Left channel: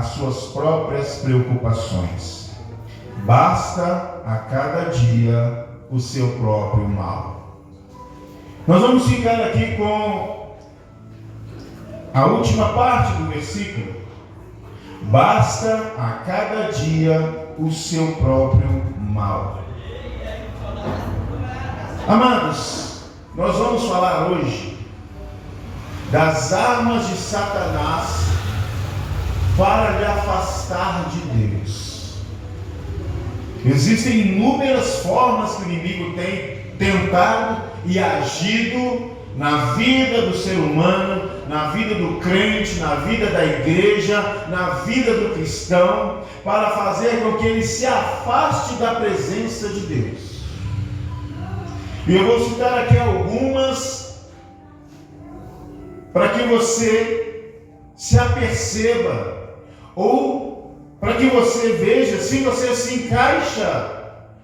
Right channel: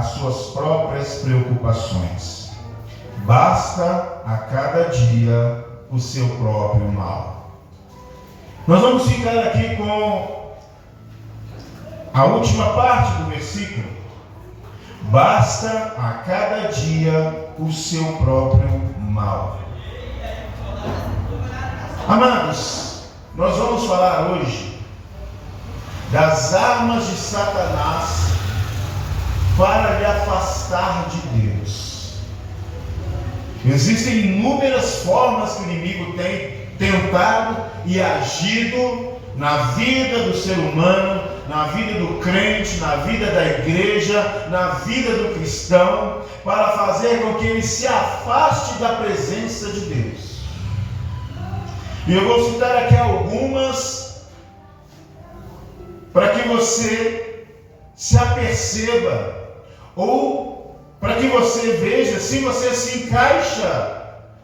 às suas próprias preocupações. Basta a cada dia o seu próprio mal. Nós vamos ficar aqui com a última parte do versículo. Basta a cada dia o seu próprio mal. Amados, nós vamos falar hoje das armas de Satanás para lhe afastar de Deus. Existem inúmeras formas que o inimigo tem tentado e agido na vida do ser humano, na vida do crente, na vida da igreja, na vida do cristão, para fazer com que ele se afaste da presença de Deus. E eu vou citar aqui algumas para que você se aperceba, ou para que você veja se você se encaixa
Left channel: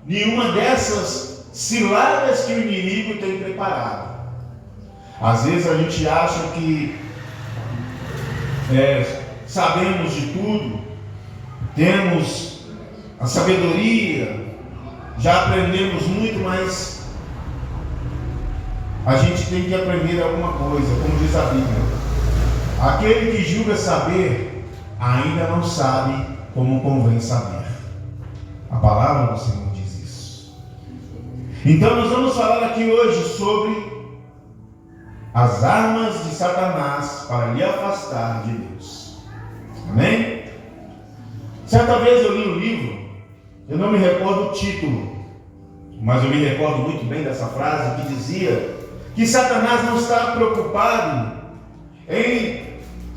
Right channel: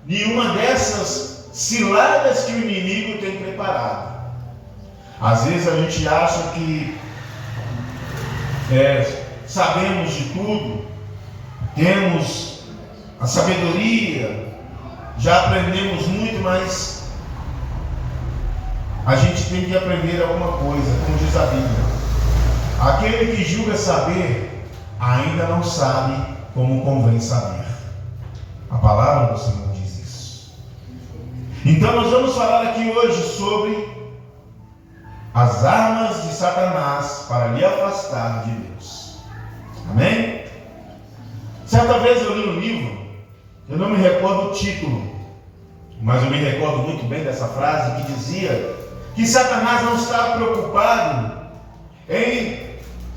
em uma dessas ciladas que o inimigo tem preparado. Às vezes a gente acha que sabemos de tudo, temos a sabedoria, já aprendemos muito, mas a gente tem que aprender alguma coisa, como diz a Bíblia. Aquele que julga saber, ainda não sabe como convém saber. A palavra do Senhor diz isso. Então nós vamos falar aqui hoje sobre as armas de Satanás para lhe afastar de Deus. Amém? Certa vez eu li um livro, eu não me recordo o título, mas eu me recordo muito bem dessa frase que dizia que Satanás não está preocupado em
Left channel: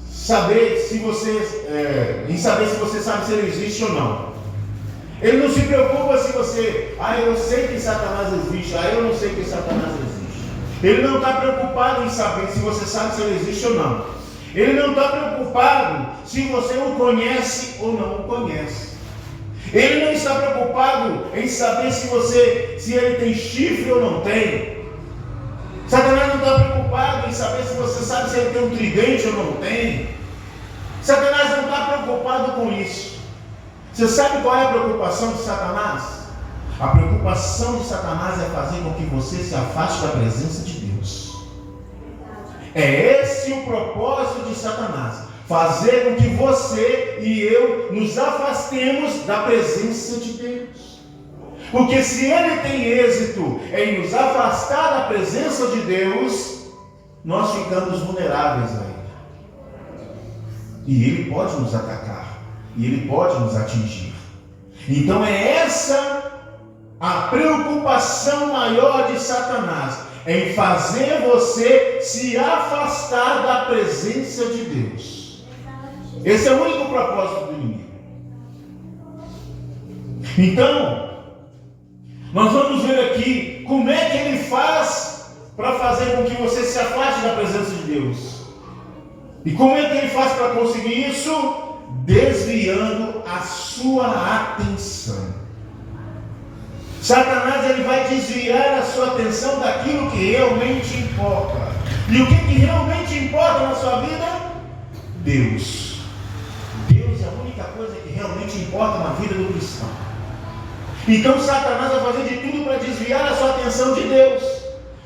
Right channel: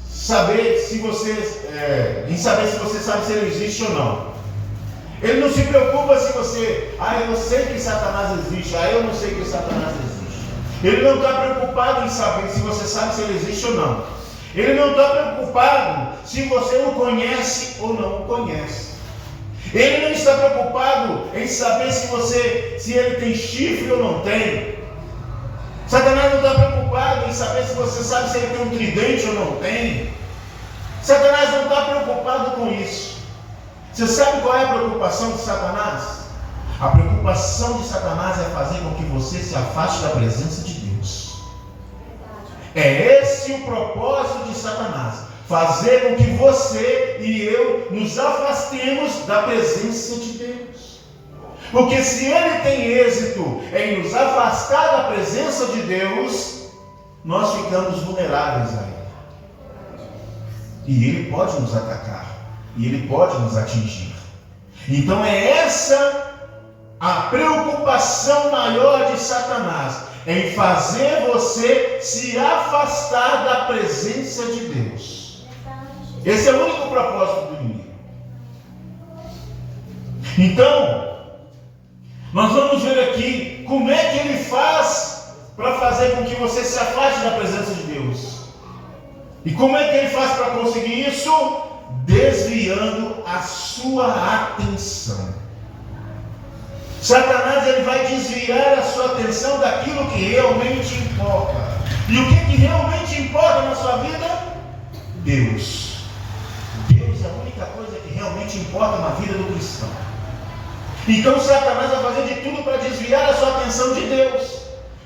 saber se você sabe se ele existe ou não. Ele não se preocupa se você, eu sei que Satanás existe, eu não sei que Satanás existe. Ele não está preocupado em saber se você sabe se ele existe ou não. Ele não está preocupado se você o conhece ou não o conhece. Ele não está preocupado em saber se ele tem chifre ou não tem. Satanás não está preocupado em saber se você sabe se ele tem um tridente ou não tem. Satanás não está preocupado com isso. Você sabe qual é a preocupação de Satanás? A preocupação de Satanás é fazer com que você se afaste da presença de Deus. É esse o propósito de Satanás. Fazer com que você e eu nos afastemos da presença de Deus. Porque se ele tem êxito em nos afastar da presença de Deus, nós ficamos vulneráveis a ele. E ele pode nos atacar. E ele pode nos atingir. Então é essa a preocupação maior de Satanás, em fazer você se afastar da presença de Deus. Esse é o único propósito do inimigo. Então, nós vamos ver aqui como é que ele faz para fazer com que você se afaste da presença de Deus. E como é que ele faz para conseguir isso? Desviando a sua atenção. Satanás ele vai desviar a sua atenção daquilo que realmente importa. E o que realmente importa na sua vida? Deus. Deus é a única coisa que realmente importa na vida do cristão. Então Satanás vai fazer de tudo para desviar a sua atenção de Deus.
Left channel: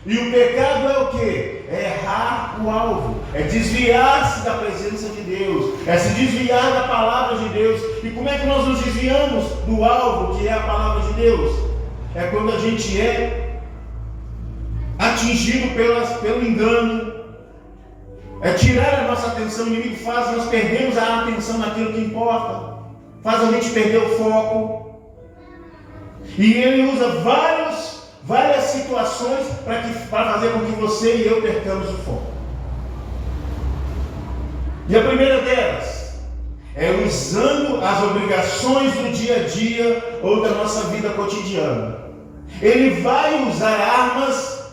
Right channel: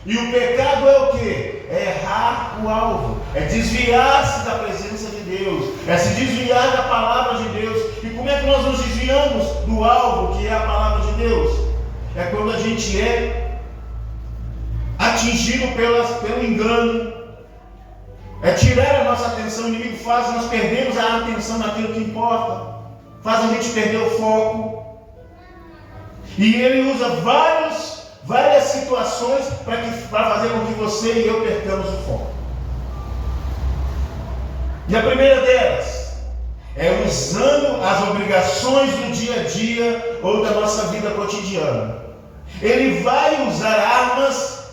E o pecado é o quê? É errar o alvo, é desviar-se da presença de Deus, é se desviar da palavra de Deus. E como é que nós nos desviamos do alvo, que é a palavra de Deus? É quando a gente é atingido pelo engano, é tirar a nossa atenção. O inimigo faz nós perdemos a atenção naquilo que importa, faz a gente perder o foco. E ele usa várias situações para fazer com que você e eu percamos o foco. E a primeira delas é usando as obrigações do dia a dia ou da nossa vida cotidiana. Ele vai usar armas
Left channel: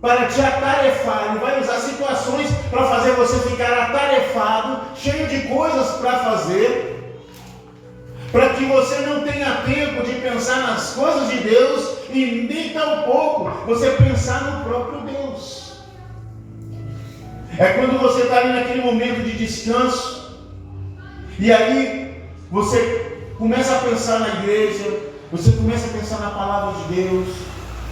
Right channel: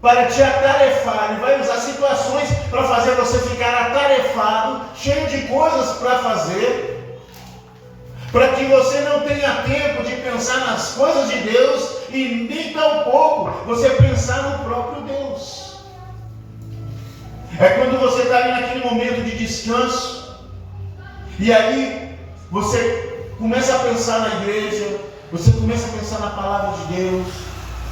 para te atarefar, ele vai usar situações para fazer você ficar atarefado, cheio de coisas para fazer, para que você não tenha tempo de pensar nas coisas de Deus e nem tampouco você pensar no próprio Deus. É quando você está ali naquele momento de descanso, E aí você começa a pensar na igreja, você começa a pensar na palavra de Deus,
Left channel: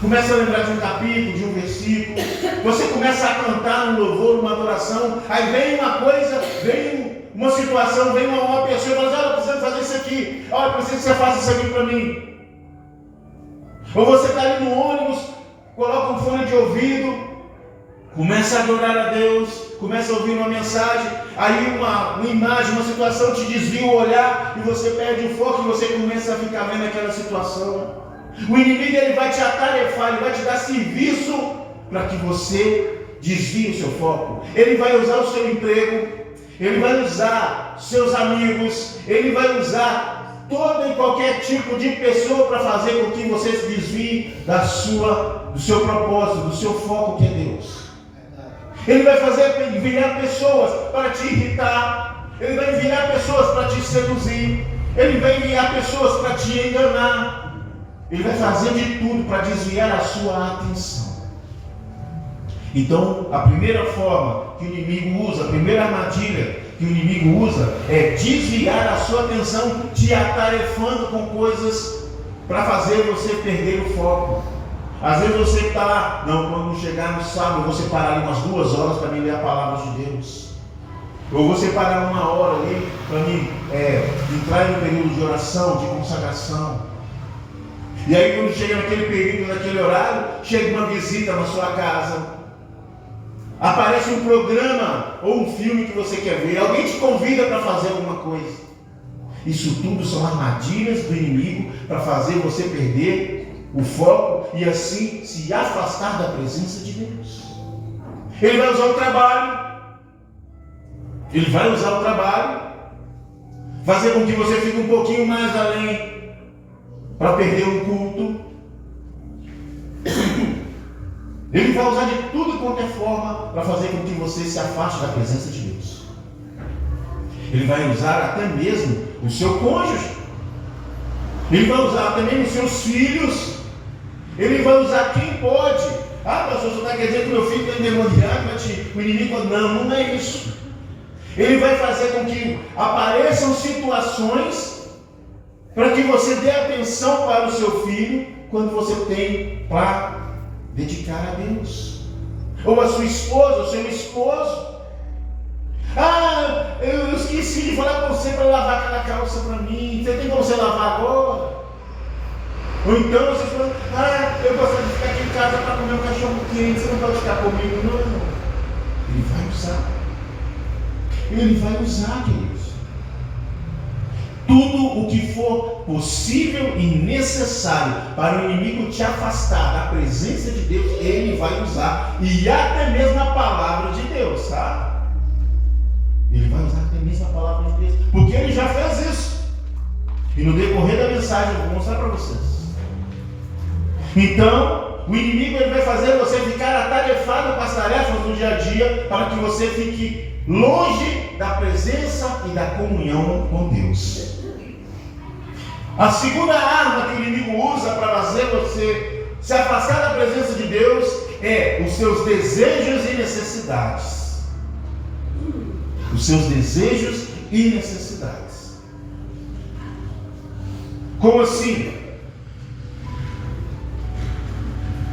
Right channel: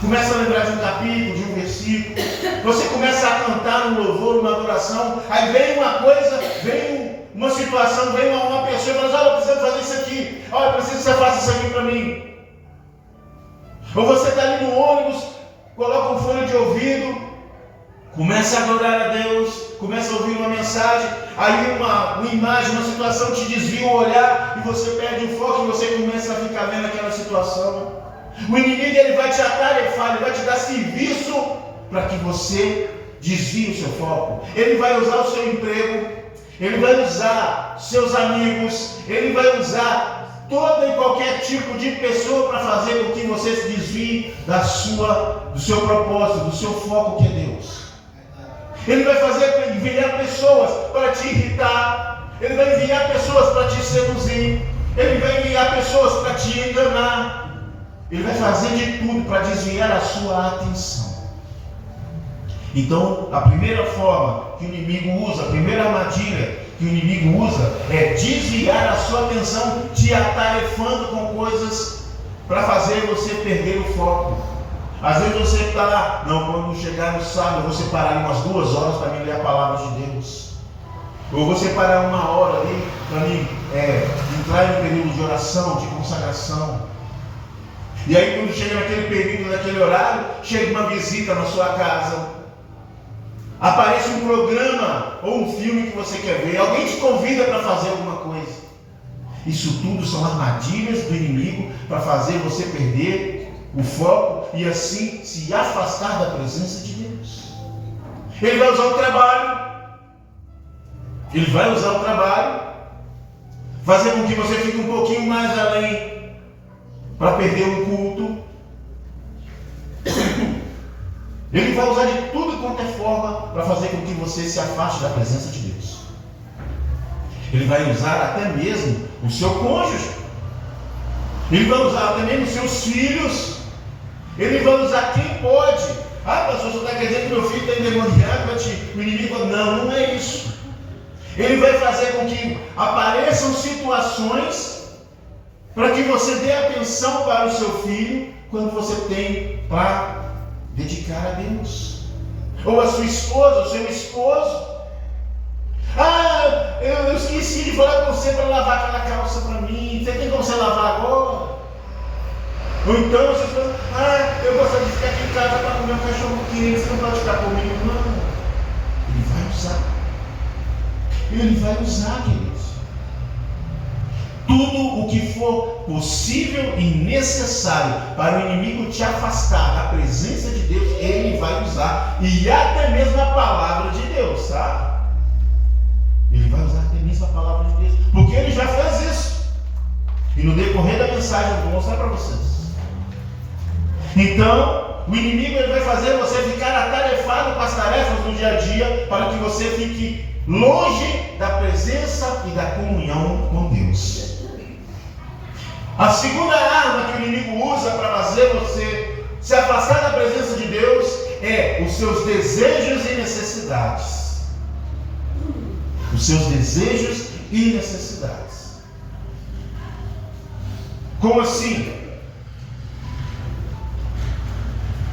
começa a lembrar de um capítulo, de um versículo, você começa a cantar um louvor, uma adoração, aí vem uma coisa, vem uma situação, vem uma pessoa e fala: olha, eu preciso fazer isso aqui, olha, eu preciso que você faça isso aqui para mim. Ou você está ali no ônibus, coloca um fone de ouvido, começa a adorar a Deus, começa a ouvir uma mensagem, aí uma imagem, uma situação te desvia o olhar e você perde o foco e você começa a ficar vendo aquela situação. O inimigo, ele vai te atarefar, ele vai te dar serviço para que você desvie o seu foco. Ele vai usar o seu emprego, ele vai usar seus amigos, ele vai usar todo e qualquer tipo de pessoa para fazer com que você se desvie do seu propósito, do seu foco, que é Deus. Ele vai enviar pessoas para te irritar, ele vai enviar pessoas para te seduzir, ele vai enviar pessoas para te enganar. Ele vai fazer de tudo para desviar a sua atenção. Então, a primeira forma que o inimigo usa, a primeira armadilha que o inimigo usa é desviar a sua atenção, te atarefando com coisas para fazer você perder o foco. Às vezes você está lá, não, quando chegar no sábado, eu vou separar ali umas 2 horas para mim ler a palavra de Deus. Ou vou separar 1 hora ali para mim entrar em um período de oração, de consagração. E aí quando chega naquele período, naquele horário, chega uma visita na sua casa, aparece um programa ou um filme que você quer ver, alguém te convida para fazer alguma coisa. Isso tudo são armadilhas do inimigo para fazer você perder o foco e assim se afastar da presença de Deus. Ele vai usar o trabalho, fazer com que você fique um pouquinho mais além, para perder um culto. Ele vai usar de tudo quanto é forma para fazer com que você se afaste da presença de Deus. Ele vai usar até mesmo o seu cônjuge. Ele vai usar até mesmo os seus filhos. Ele vai usar quem pode. Ah, pastor, você está querendo dizer que meu filho está endemoniado? O inimigo fala: não, não é isso. Ele vai fazer com que apareçam situações para que você dê atenção para o seu filho quando você tem para dedicar a Deus. Ou a sua esposa, o seu esposo. Ah, eu esqueci de falar com você para lavar aquela calça para mim. Você tem como você lavar agora? Ou então você fala: eu gostaria de ficar aqui em casa para comer um cachorro quente. Você não pode ficar comigo, não. Ele vai usar. Ele vai usar, queridos. Tudo o que for possível e necessário para o inimigo te afastar da presença de Deus, ele vai usar. E até mesmo a palavra de Deus, tá? Ele vai usar até mesmo a palavra de Deus, porque ele já fez isso. E no decorrer da mensagem eu vou mostrar para vocês. Então, o inimigo, ele vai fazer você ficar atarefado com as tarefas do dia a dia, para que você fique longe da presença e da comunhão com Deus. A segunda arma que o inimigo usa para fazer você se afastar da presença de Deus é os seus desejos e necessidades. Os seus desejos e necessidades. Como assim?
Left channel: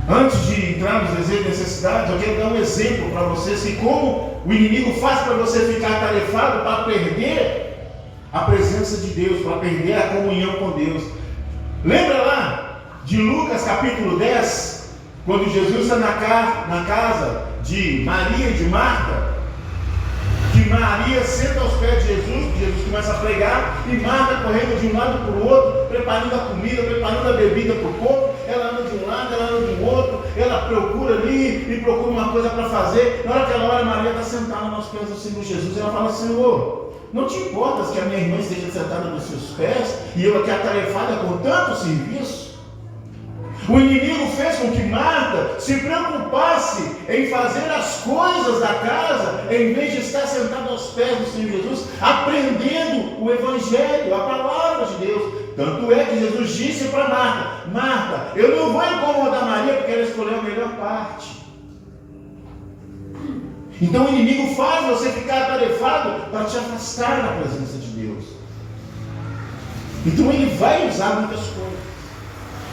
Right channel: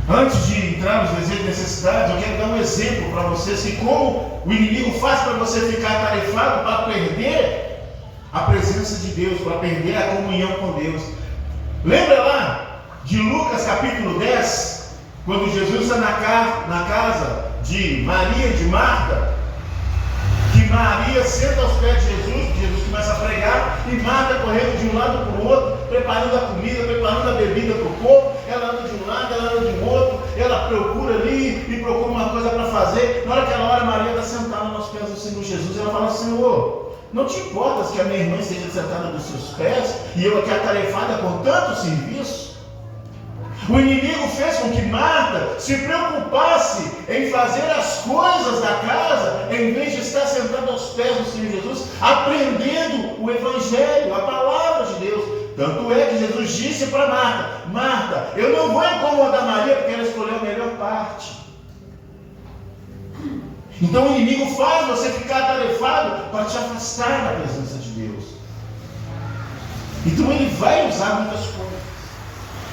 Antes de entrar nos desejos e necessidades, eu quero dar um exemplo para vocês de como o inimigo faz para você ficar atarefado para perder a presença de Deus, para perder a comunhão com Deus. Lembra lá de Lucas capítulo 10, quando Jesus está na casa de Maria e de Marta, que Maria senta aos pés de Jesus, que Jesus começa a pregar, e Marta correndo de um lado para o outro, preparando a comida, preparando a bebida para o povo. Ela anda de um lado, ela anda de outro, ela procura ali e procura uma coisa para fazer. Na hora que ela olha, Maria está sentada aos pés do Senhor Jesus, e ela fala: Senhor, não te importas que a minha irmã esteja sentada nos seus pés e eu aqui atarefada com tanto serviço? O inimigo fez com que Marta se preocupasse em fazer as coisas da casa, em vez de estar sentada aos pés do Senhor Jesus, aprendendo o Evangelho, a palavra de Deus. Tanto é que Jesus disse para Marta: Marta, eu não vou incomodar Maria porque ela escolheu a melhor parte. Então o inimigo faz você ficar atarefado para te afastar da presença de Deus. Então ele vai usar muitas coisas.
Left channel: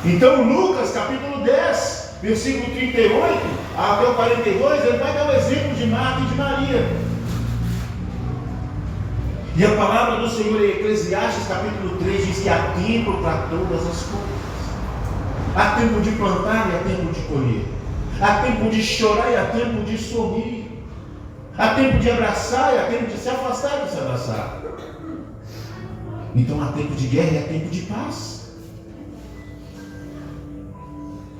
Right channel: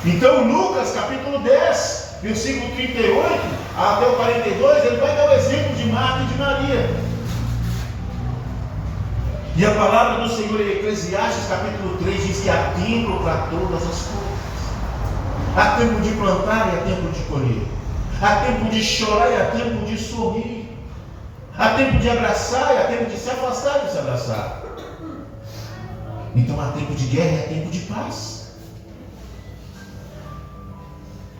Então Lucas capítulo 10, versículo 38 até o 42, ele vai dar o exemplo de Marta e de Maria. E a palavra do Senhor em Eclesiastes capítulo 3 diz que há tempo para todas as coisas. Há tempo de plantar e há tempo de colher. Há tempo de chorar e há tempo de sorrir. Há tempo de abraçar e há tempo de se afastar e de se abraçar. Então há tempo de guerra e há tempo de paz.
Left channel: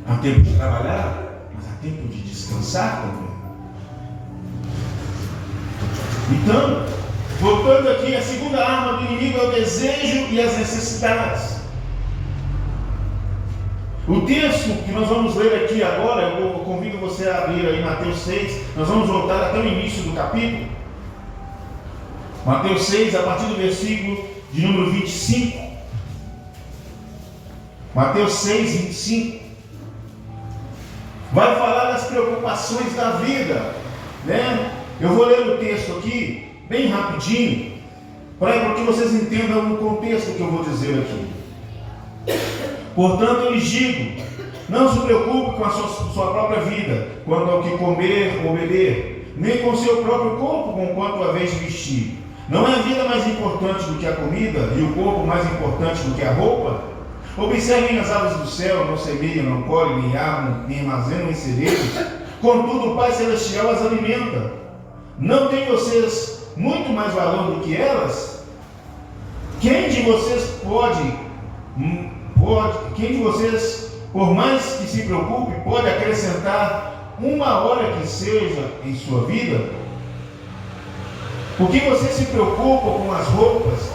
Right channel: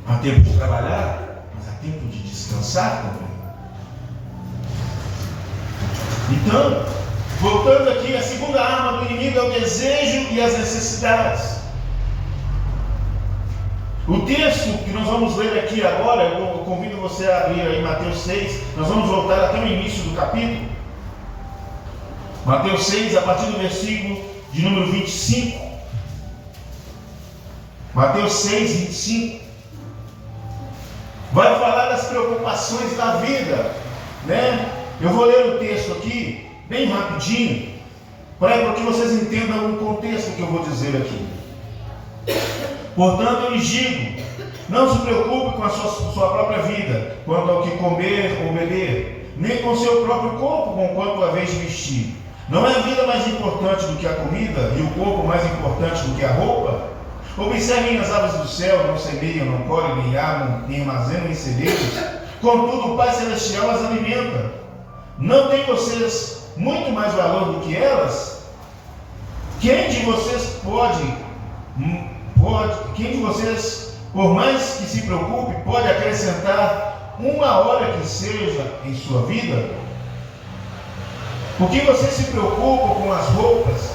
Há tempo de trabalhar, mas há tempo de descansar também. Então, voltando aqui, a segunda arma do inimigo é o desejo e as necessidades. O texto que nós vamos ler aqui agora, eu convido você a abrir aí Mateus 6, nós vamos voltar até o início do capítulo. Mateus 6, a partir do versículo de número 25. Mateus 6, 25. Vai falar das preocupações da vida, né? Eu vou ler o texto aqui, bem rapidinho, para que vocês entendam o contexto que eu vou dizer aqui. Portanto, eu lhes digo, não se preocupe com a sua própria vida, quanto ao que comer ou beber, nem com seu próprio corpo, com quanto a vez de vestir. Não é a vida mais importante do que a comida, e o corpo mais importante do que a roupa? Observem as aves do céu, não semeiam, não colhem, nem armam, nem armazenam em celeiros, contudo o Pai Celestial as alimenta. Não tem vocês muito mais valor do que elas? Quem de vocês quem de vocês, por mais que se preocupe, pode acrescentar uma hora que seja em sua vida? Por que vocês se preocupam com as roupas?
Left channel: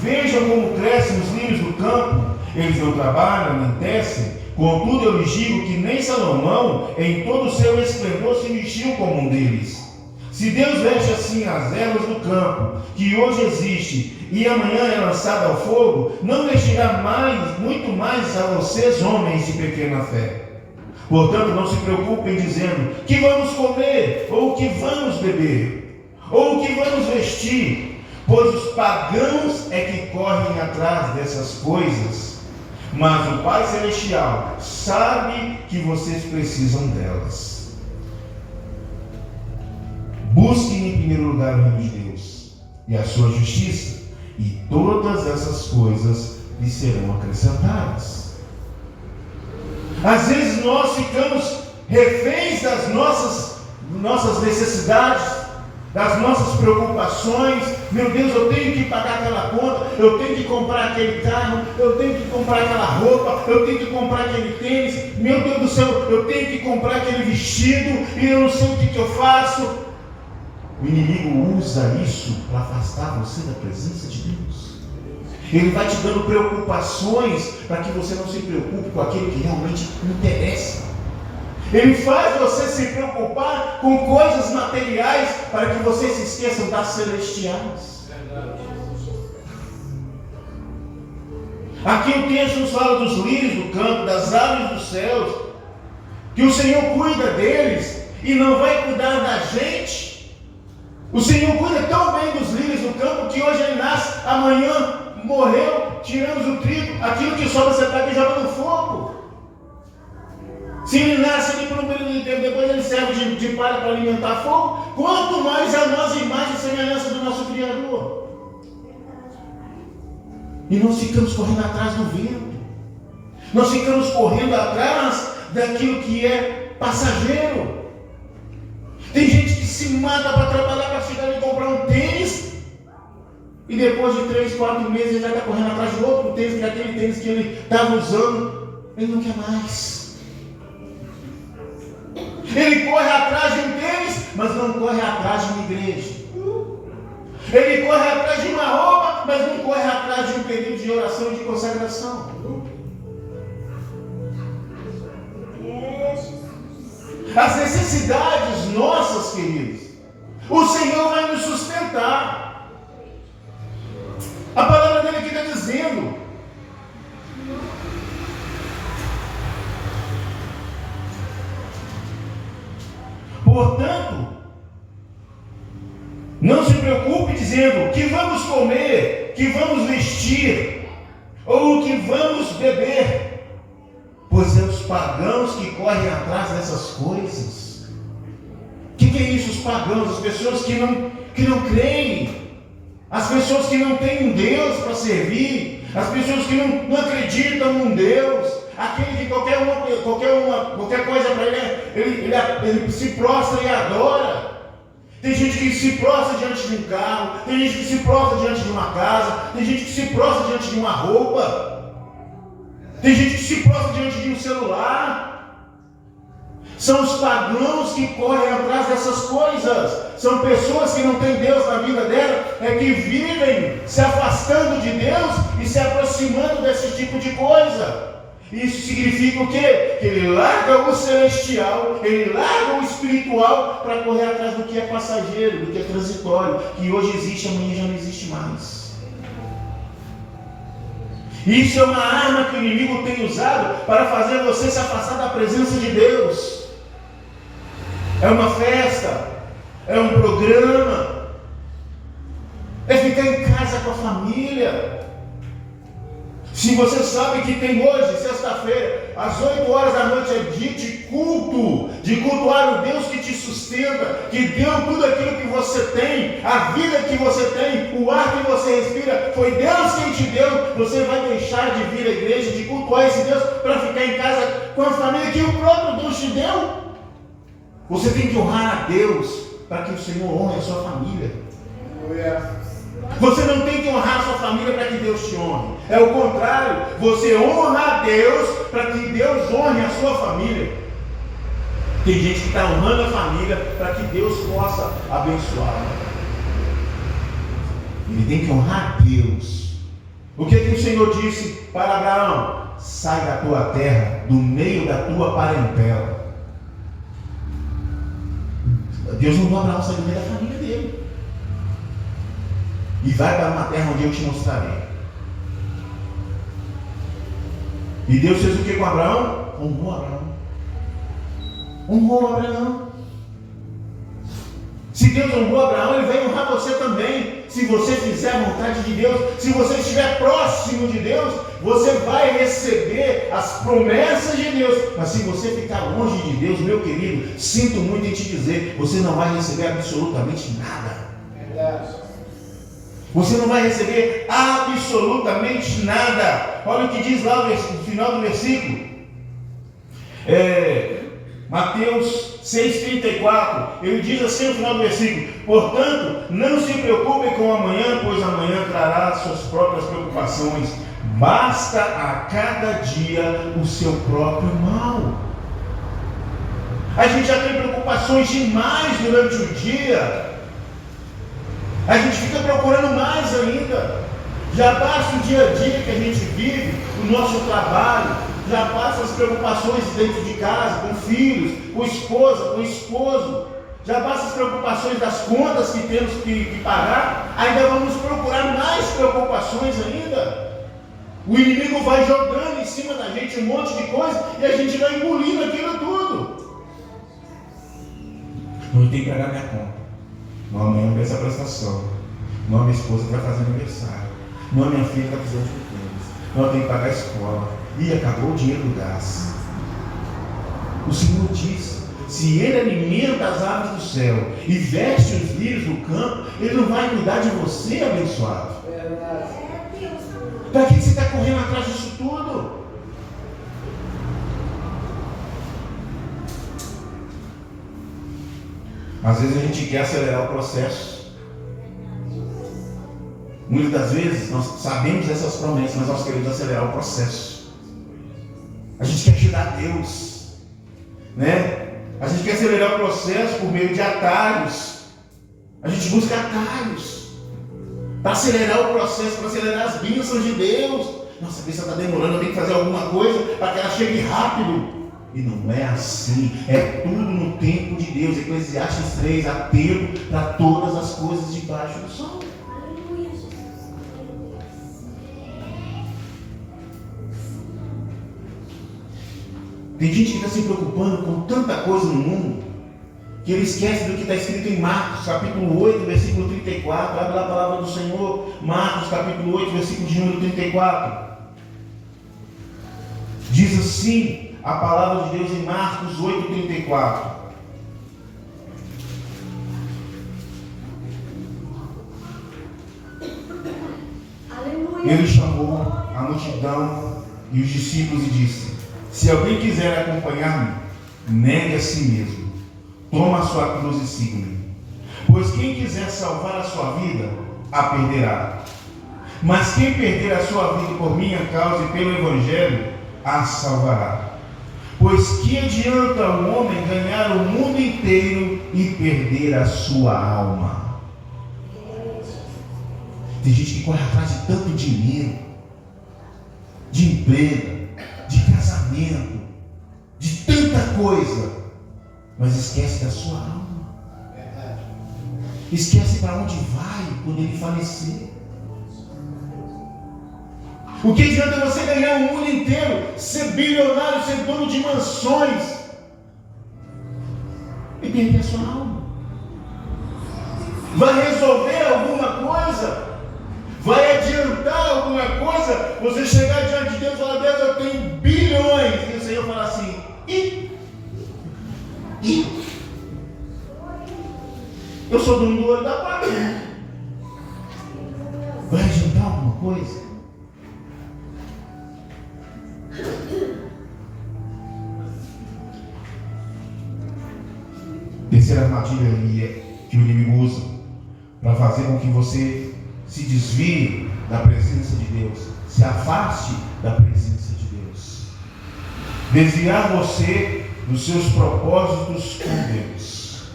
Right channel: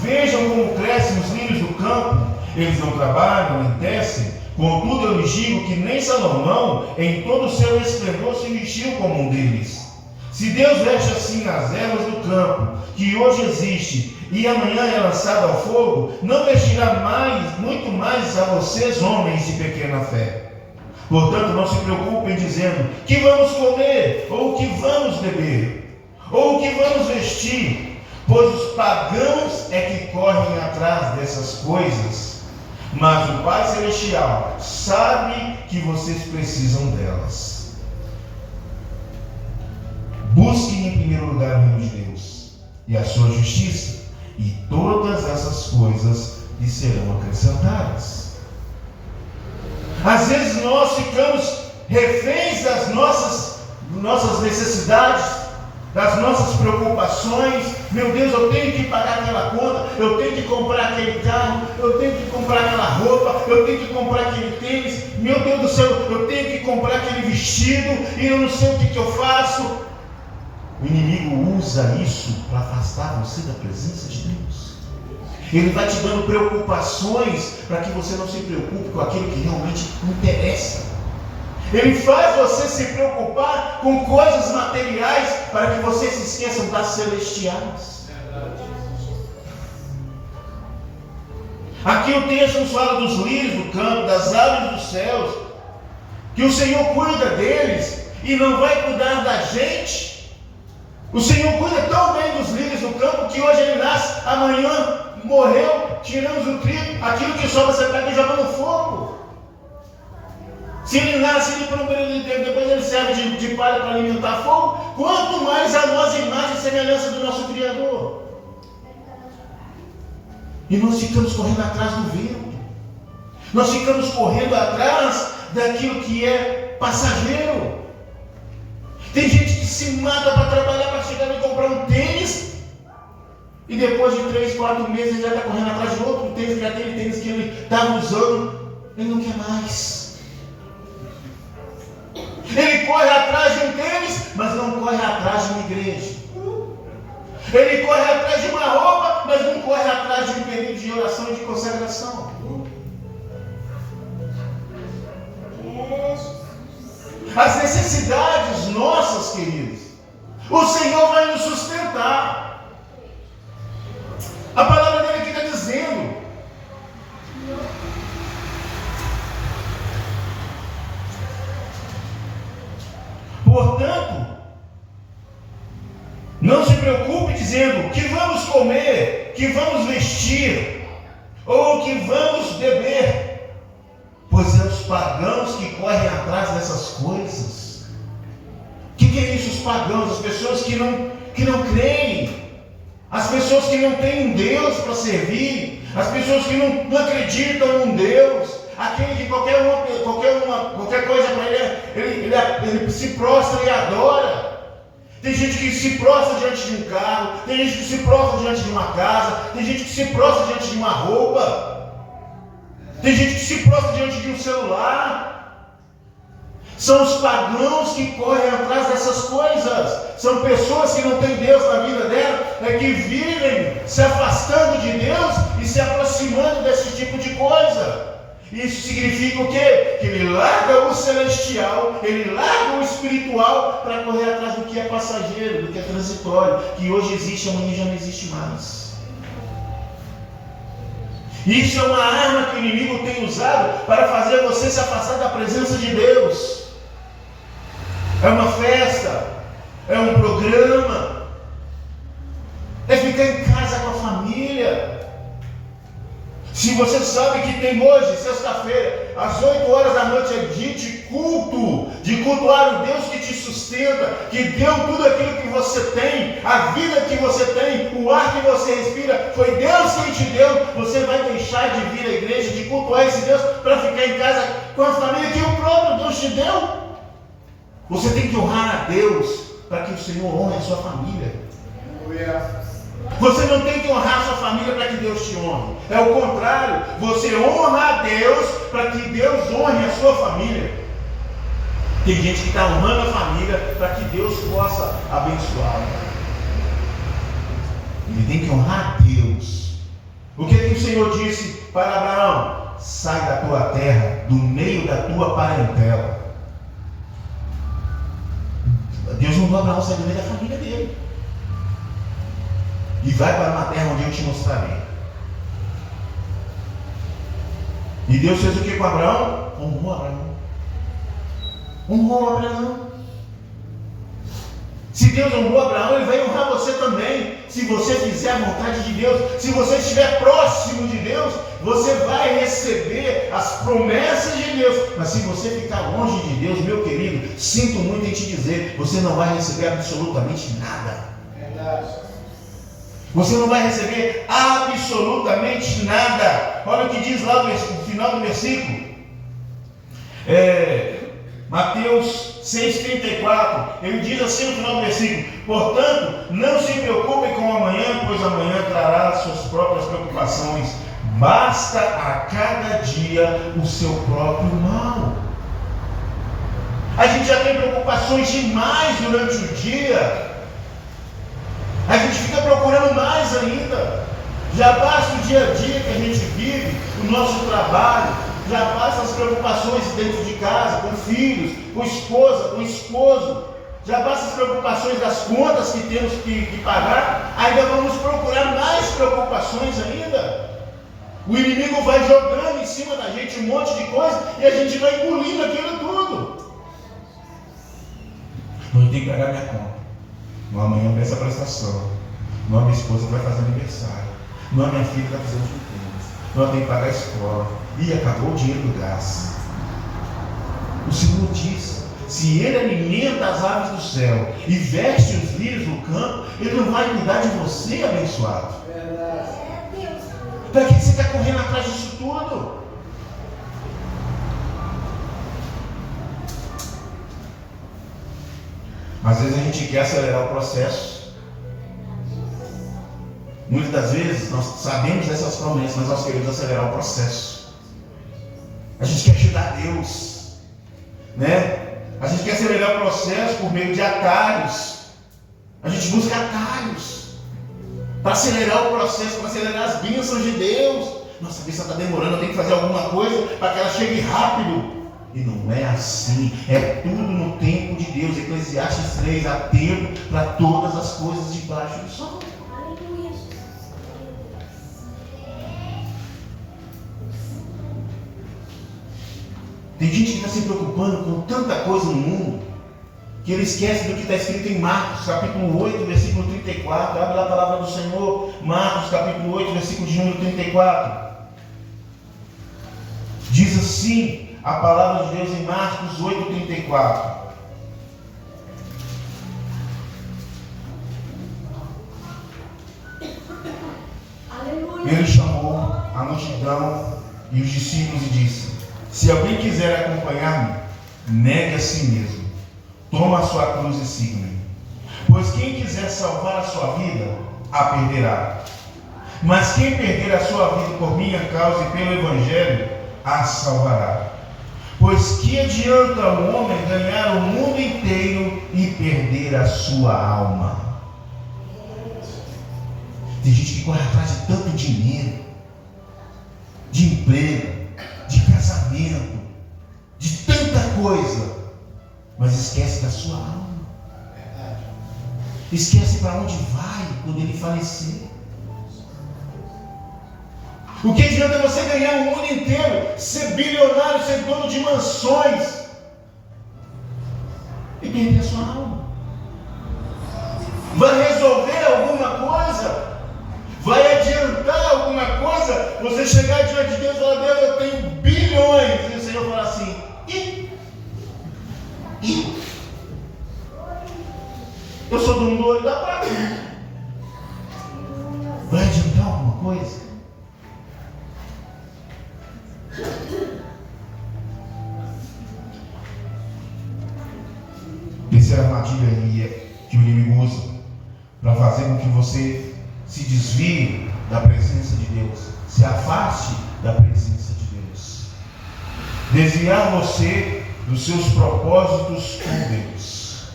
Vejam como crescem os lírios do campo. Eles não trabalham, nem tecem. Contudo, eu lhes digo que nem Salomão, em todo o seu esplendor, se vestiu como um deles. Se Deus veste assim as ervas do campo, que hoje existe, e amanhã é lançada ao fogo, não vestirá muito mais a vocês, homens de pequena fé. Portanto, não se preocupem dizendo, que vamos comer, ou o que vamos beber, ou o que vamos vestir, pois os pagãos é que correm atrás dessas coisas, mas o Pai Celestial sabe que vocês precisam delas. Busquem em primeiro lugar o reino de Deus e a sua justiça, e todas essas coisas lhe serão acrescentadas. Às vezes nós ficamos reféns das nossas necessidades, das nossas preocupações. Meu Deus, eu tenho que pagar aquela conta, eu tenho que comprar aquele carro, eu tenho que comprar aquela roupa, eu tenho que comprar aquele tênis, meu Deus do céu, eu tenho que comprar aquele vestido, e eu não sei o que eu faço. O inimigo usa isso para afastar você da presença de Deus. Ele vai te dando preocupações para que você não se preocupe com aquilo que realmente interessa. Ele faz você se preocupar com coisas materiais para que você se esqueça das celestiais. Aqui o texto nos fala dos lírios do campo, das aves dos céus, que o Senhor cuida deles e não vai cuidar da gente. O Senhor cuida tão bem dos lírios do campo que hoje ele nasce, amanhã morreu, tiramos o trigo, aquilo que sobra você está aqui joga no fogo. Se ele nasce ali por um período de tempo, depois ele serve de palha para alimentar fogo, quanto mais a nós, imagem e semelhança do nosso Criador. E nós ficamos correndo atrás do vento, nós ficamos correndo atrás daquilo que é passageiro. Tem gente que se mata para trabalhar, para chegar e comprar um tênis, e depois de 3, 4 meses ele já está correndo atrás de outro tênis, que é aquele tênis que ele estava usando, ele não quer mais. Ele corre atrás de um tênis, mas não corre atrás de uma igreja. Ele corre atrás de uma roupa, mas não corre atrás de um período de oração e de consagração. As necessidades nossas, queridos, o Senhor vai nos sustentar. A palavra dele aqui está dizendo: portanto, não se preocupe dizendo que vamos comer, que vamos vestir. Ou o que vamos beber? Pois é os pagãos que correm atrás dessas coisas. O que é isso, os pagãos? As pessoas que não creem. As pessoas que não têm um Deus para servir. As pessoas que não acreditam num Deus. Aquele que qualquer coisa para ele se prostra e adora. Tem gente que se prostra diante de um carro, tem gente que se prostra diante de uma casa, tem gente que se prostra diante de uma roupa, tem gente que se prostra diante de um celular. São os pagãos que correm atrás dessas coisas. São pessoas que não têm Deus na vida dela, que vivem se afastando de Deus e se aproximando desse tipo de coisa. Isso significa o quê? Que ele larga o celestial, ele larga o espiritual para correr atrás do que é passageiro, do que é transitório, que hoje existe, amanhã já não existe mais. Isso é uma arma que o inimigo tem usado para fazer você se afastar da presença de Deus. É uma festa, é um programa, é ficar em casa com a família. Se você sabe que tem hoje, sexta-feira, às 8 horas da noite é dia de culto, de cultuar o Deus que te sustenta, que deu tudo aquilo que você tem, a vida que você tem, o ar que você respira, foi Deus quem te deu. Você vai deixar de vir à igreja, de cultuar esse Deus, para ficar em casa com a família que o próprio Deus te deu? Você tem que honrar a Deus, para que o Senhor honre a sua família. Você não tem que honrar a sua família para que Deus te honre. É o contrário. Você honra a Deus para que Deus honre a sua família. Tem gente que está honrando a família para que Deus possa abençoar. Ele tem que honrar a Deus. O que o Senhor disse para Abraão? Sai da tua terra, do meio da tua parentela. Deus mandou Abraão sair do meio da família dele. E vai para uma terra onde eu te mostrarei. E Deus fez o que com Abraão? Honrou Abraão. Honrou Abraão. Se Deus honrou Abraão, Ele vai honrar você também. Se você fizer a vontade de Deus, se você estiver próximo de Deus, você vai receber as promessas de Deus. Mas se você ficar longe de Deus, meu querido, sinto muito em te dizer, você não vai receber absolutamente nada. Verdade. Você não vai receber absolutamente nada. Olha o que diz lá no final do versículo. Mateus 6,34. Ele diz assim no final do versículo: portanto, não se preocupem com o amanhã, pois amanhã trará suas próprias preocupações. Basta a cada dia o seu próprio mal. A gente já tem preocupações demais durante o dia. A gente fica procurando mais ainda. Já basta o dia a dia que a gente vive, o nosso trabalho, já basta as preocupações dentro de casa, com filhos, com esposa, com esposo, já basta as preocupações das contas que temos que pagar, ainda vamos procurar mais preocupações ainda. O inimigo vai jogando em cima da gente um monte de coisa e a gente vai engolindo aquilo tudo. Eu tenho que pagar minha conta. Não, amanhã vem essa prestação. Não, minha esposa vai fazer aniversário. Não, minha filha vai fazer os pequenos. Não, eu tenho que pagar a escola. E acabou o dinheiro do gás. O Senhor diz: se Ele alimenta as aves do céu e veste os lírios do campo, Ele não vai cuidar de você, abençoado. Para que você está correndo atrás disso tudo? Às vezes a gente quer acelerar o processo. Muitas das vezes nós sabemos dessas promessas, mas nós queremos acelerar o processo. A gente quer ajudar Deus, né? A gente quer acelerar o processo por meio de atalhos. A gente busca atalhos para acelerar o processo, para acelerar as bênçãos de Deus. Nossa, a bênção está demorando, eu tenho que fazer alguma coisa para que ela chegue rápido. E não é assim, é tudo no tempo de Deus. Eclesiastes 3, há tempo para todas as coisas debaixo do sol. Tem gente que está se preocupando com tanta coisa no mundo, que ele esquece do que está escrito em Marcos, capítulo 8, versículo 34. Abre lá a palavra do Senhor, Marcos, capítulo 8, versículo de número 34. Diz assim a palavra de Deus em Marcos 8,34. Ele chamou a multidão e os discípulos e disse: se alguém quiser acompanhar-me, negue a si mesmo, toma a sua cruz e siga-me. Pois quem quiser salvar a sua vida, a perderá. Mas quem perder a sua vida por minha causa e pelo Evangelho, a salvará. Pois que adianta o homem ganhar o mundo inteiro e perder a sua alma? Tem gente que corre atrás de tanto dinheiro, de emprego, de casamento, de tanta coisa, mas esquece da sua alma. Esquece para onde vai quando ele falecer. O que adianta você ganhar o mundo inteiro, ser bilionário, ser dono de mansões e perder a sua alma? Vai resolver alguma coisa? Vai adiantar alguma coisa? Você chegar diante de Deus e falar: Deus, eu tenho bilhões. E o Senhor falar assim: eu sou dono do olho da prata. Vai adiantar alguma coisa? Terceira armadilha que o inimigo usa para fazer com que você se desvie da presença de Deus, se afaste da presença de Deus, desviar você dos seus propósitos com Deus.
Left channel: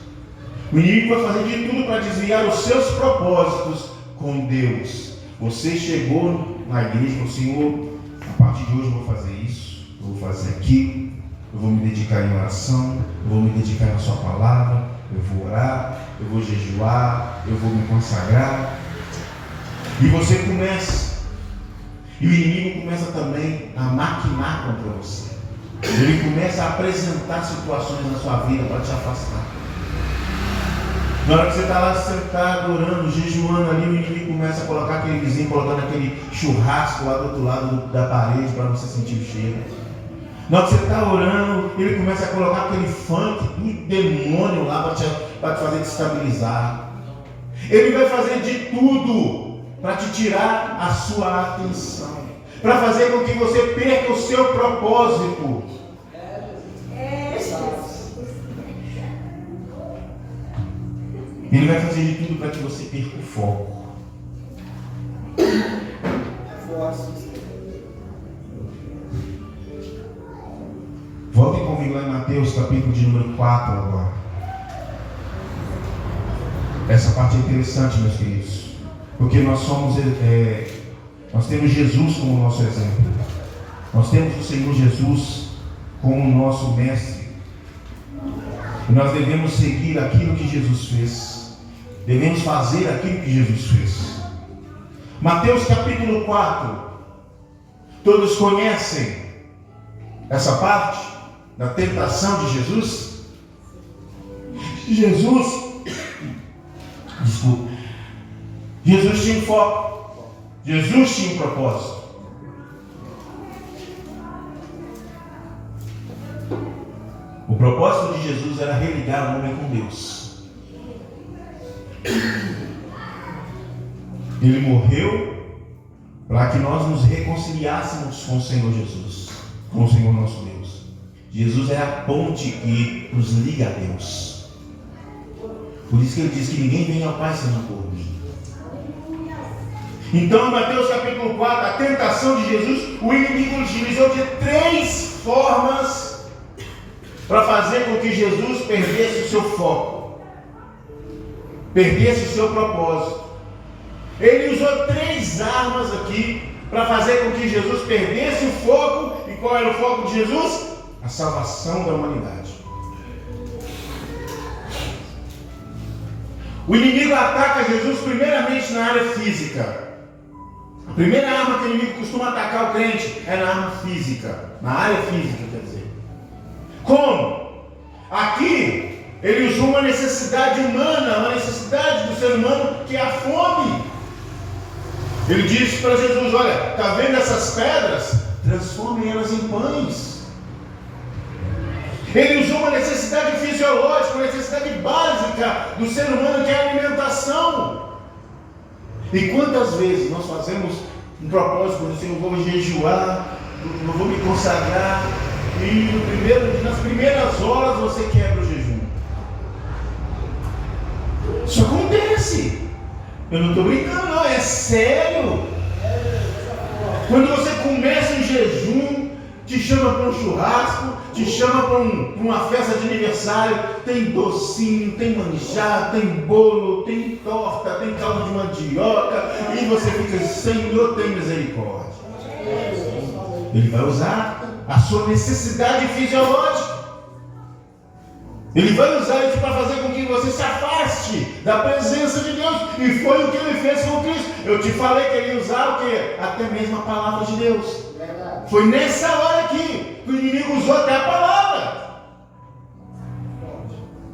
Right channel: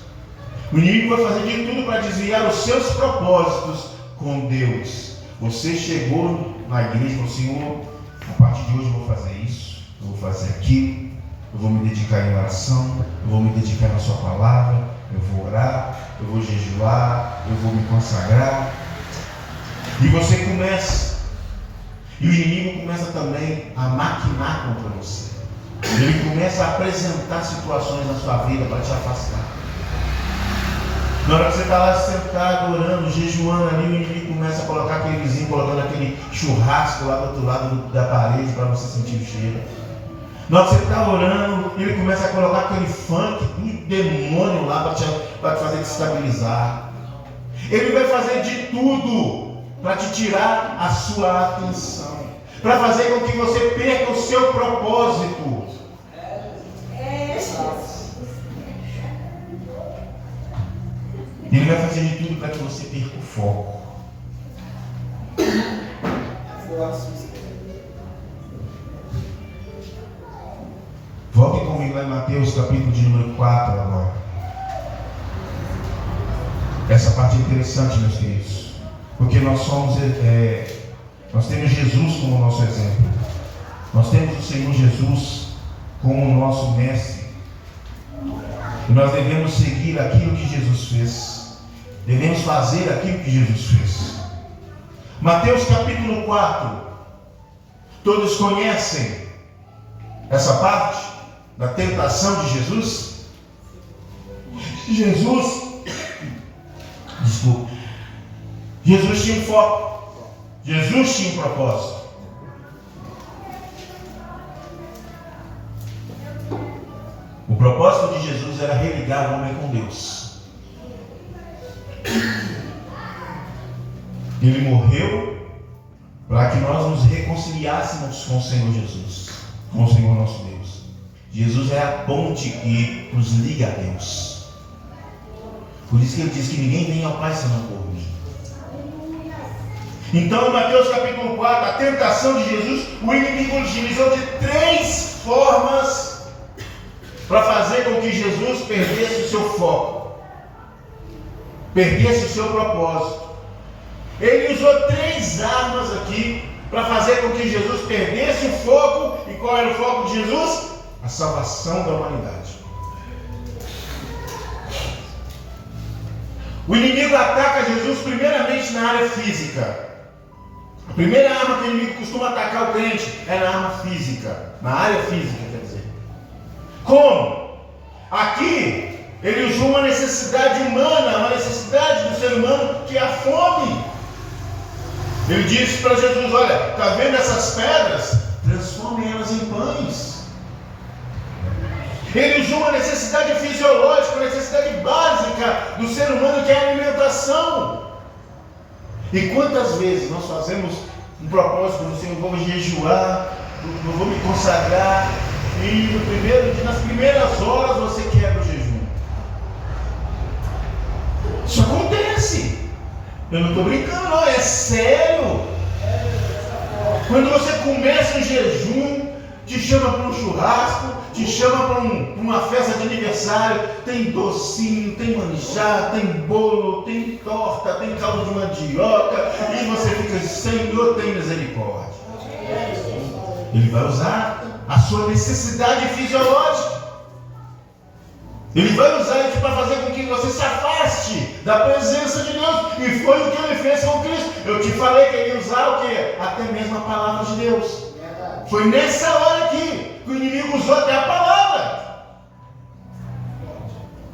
O inimigo vai fazer de tudo para desviar os seus propósitos com Deus. Você chegou na igreja e falou: Senhor, a partir de hoje eu vou fazer isso, eu vou fazer aquilo, eu vou me dedicar em oração, eu vou me dedicar na sua palavra, eu vou orar, eu vou jejuar, eu vou me consagrar. E você começa, e o inimigo começa também a maquinar contra você. Ele começa a apresentar situações na sua vida para te afastar. Na hora que você está lá sentado, orando, jejuando ali, o inimigo começa a colocar aquele vizinho, colocando aquele churrasco lá do outro lado da parede para você sentir o cheiro. Na hora que você está orando, ele começa a colocar aquele funk do demônio lá para te fazer destabilizar. Ele vai fazer de tudo para te tirar a sua atenção, para fazer com que você perca o seu propósito. Ele vai fazer de tudo para que você perca o foco. Voltem comigo lá em Mateus, capítulo de número 4 agora. Essa parte é interessante, meus queridos, porque nós temos Jesus como nosso exemplo. Nós temos o Senhor Jesus como nosso mestre. E nós devemos seguir aquilo que Jesus fez. Devemos fazer aquilo que Jesus fez. Mateus capítulo 4. Todos conhecem essa parte da tentação de Jesus? Jesus tinha um foco. Jesus tinha um propósito. O propósito de Jesus era religar o homem com Deus. Ele morreu para que nós nos reconciliássemos com o Senhor Jesus, com o Senhor nosso Deus. Jesus é a ponte que nos liga a Deus. Por isso que ele diz que ninguém vem ao Pai senão por mim. Então, em Mateus capítulo 4, a tentação de Jesus, o inimigo utilizou de 3 formas para fazer com que Jesus perdesse o seu foco, perdesse o seu propósito. Ele usou 3 armas aqui para fazer com que Jesus perdesse o foco. E qual era o foco de Jesus? A salvação da humanidade. O inimigo ataca Jesus primeiramente na área física. A primeira arma que o inimigo costuma atacar o crente é na arma física, na área física, quer dizer. Como? Aqui ele usou uma necessidade humana, uma necessidade do ser humano, que é a fome. Ele disse para Jesus: olha, está vendo essas pedras? transforme elas em pães. Ele usou uma necessidade fisiológica, uma necessidade básica do ser humano, que é a alimentação. E quantas vezes nós fazemos um propósito de Senhor, eu vou jejuar, eu vou me consagrar, e nas primeiras horas você quebra o jejum. Isso acontece. Eu não estou brincando, não, é sério. Quando você começa um jejum, te chama para um churrasco, te chama para uma festa de aniversário, tem docinho, tem manjar, tem bolo, tem torta, tem caldo de mandioca, e você fica, Senhor, tem misericórdia. Ele vai usar a sua necessidade fisiológica. Ele vai usar isso para fazer com que você se afaste da presença de Deus. E foi o que ele fez com Cristo. Eu te falei que ele ia usar o quê? Até mesmo a palavra de Deus. Foi nessa hora aqui que o inimigo usou até a palavra.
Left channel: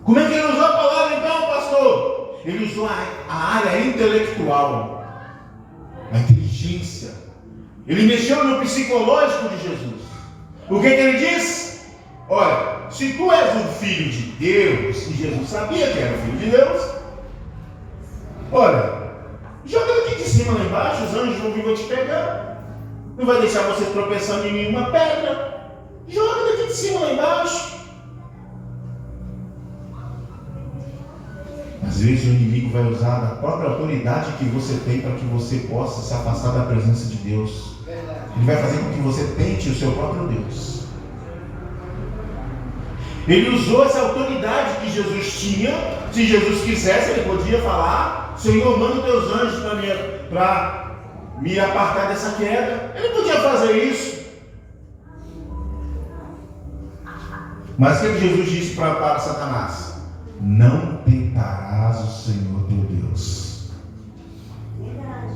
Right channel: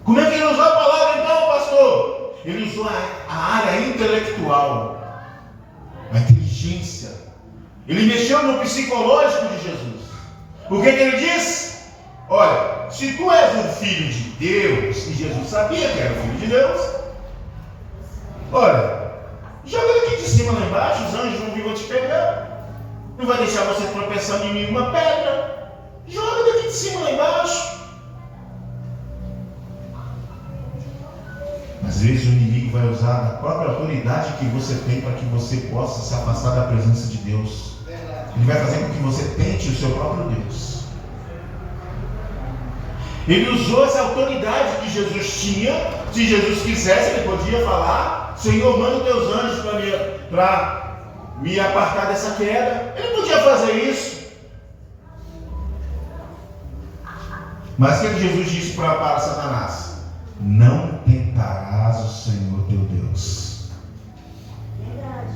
Como é que ele usou a palavra então, pastor? Ele usou a área intelectual, a inteligência. Ele mexeu no psicológico de Jesus. O que ele disse? Olha, se tu és o filho de Deus, e Jesus sabia que era o filho de Deus, olha, joga daqui de cima lá embaixo, os anjos não vão te pegar. Não vai deixar você tropeçando em nenhuma pedra. Joga daqui de cima lá embaixo. Às vezes o inimigo vai usar a própria autoridade que você tem para que você possa se afastar da presença de Deus. Ele vai fazer com que você tente o seu próprio Deus. Ele usou essa autoridade que Jesus tinha. Se Jesus quisesse, ele podia falar: Senhor, manda os teus anjos para me apartar dessa queda. Ele podia fazer isso. Mas o que Jesus disse para Satanás? Não tentarás o Senhor teu Deus.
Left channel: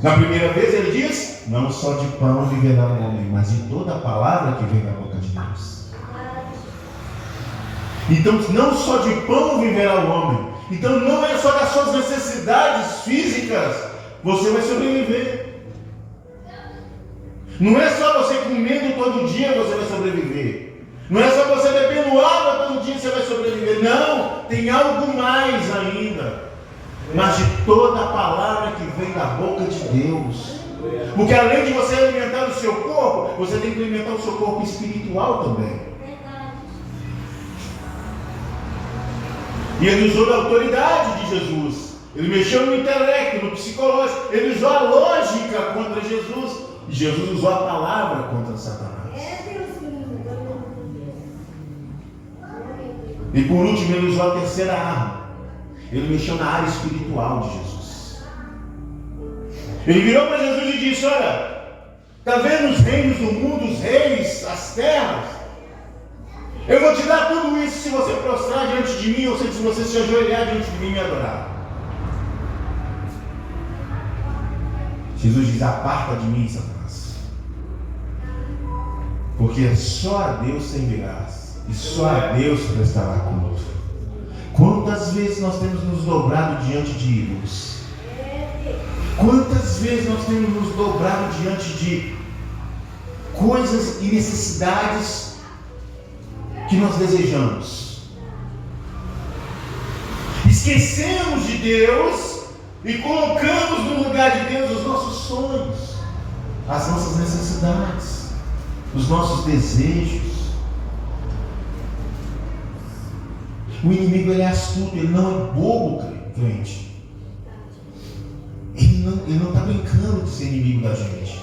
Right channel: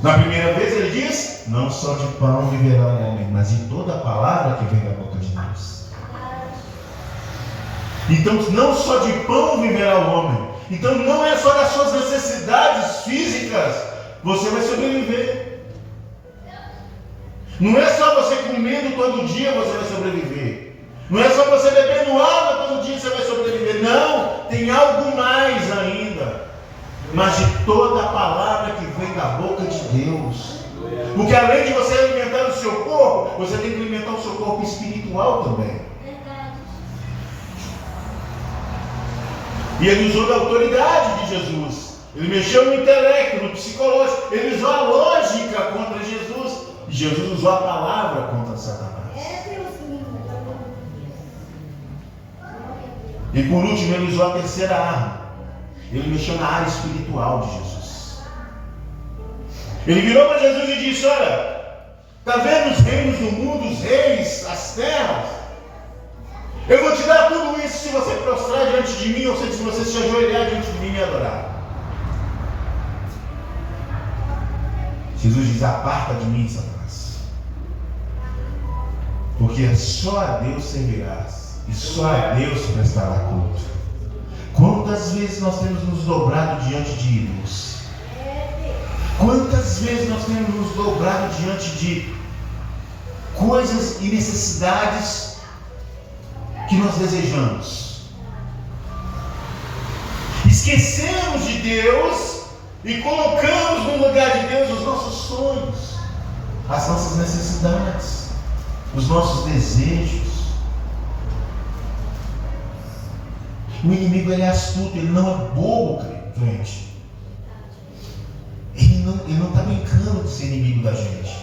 Na primeira vez ele diz: não só de pão viverá o homem, mas de toda a palavra que vem da boca de Deus. Então, não só de pão viverá o homem. Então, não é só das suas necessidades físicas você vai sobreviver. Não é só você comendo todo dia você vai sobreviver. Não é só você bebendo água todo dia você vai sobreviver. Não, tem algo mais ainda. Mas de toda a palavra que vem da boca de Deus. Porque além de você alimentar o seu corpo, você tem que alimentar o seu corpo espiritual também. E ele usou da autoridade de Jesus. Ele mexeu no intelecto, no psicológico. Ele usou a lógica contra Jesus. E Jesus usou a palavra contra Satanás. E por último, ele usou a terceira arma. Ele mexeu na área espiritual de Jesus. Ele virou para Jesus e disse: olha, está vendo os reinos do mundo, os reis, as terras? Eu vou te dar tudo isso se você prostrar diante de mim, ou se você se ajoelhar diante de mim e me adorar. Jesus diz: aparta de mim, Satanás, porque só a Deus servirás, e só a Deus prestará culto. Quantas vezes nós temos nos dobrado diante de ídolos? Quantas vezes nós temos nos dobrado diante de coisas e necessidades que nós desejamos? Esquecemos de Deus e colocamos no lugar de Deus os nossos sonhos, as nossas necessidades, os nossos desejos. O inimigo é astuto, ele não é bobo, crente. Ele não está brincando de ser inimigo da gente.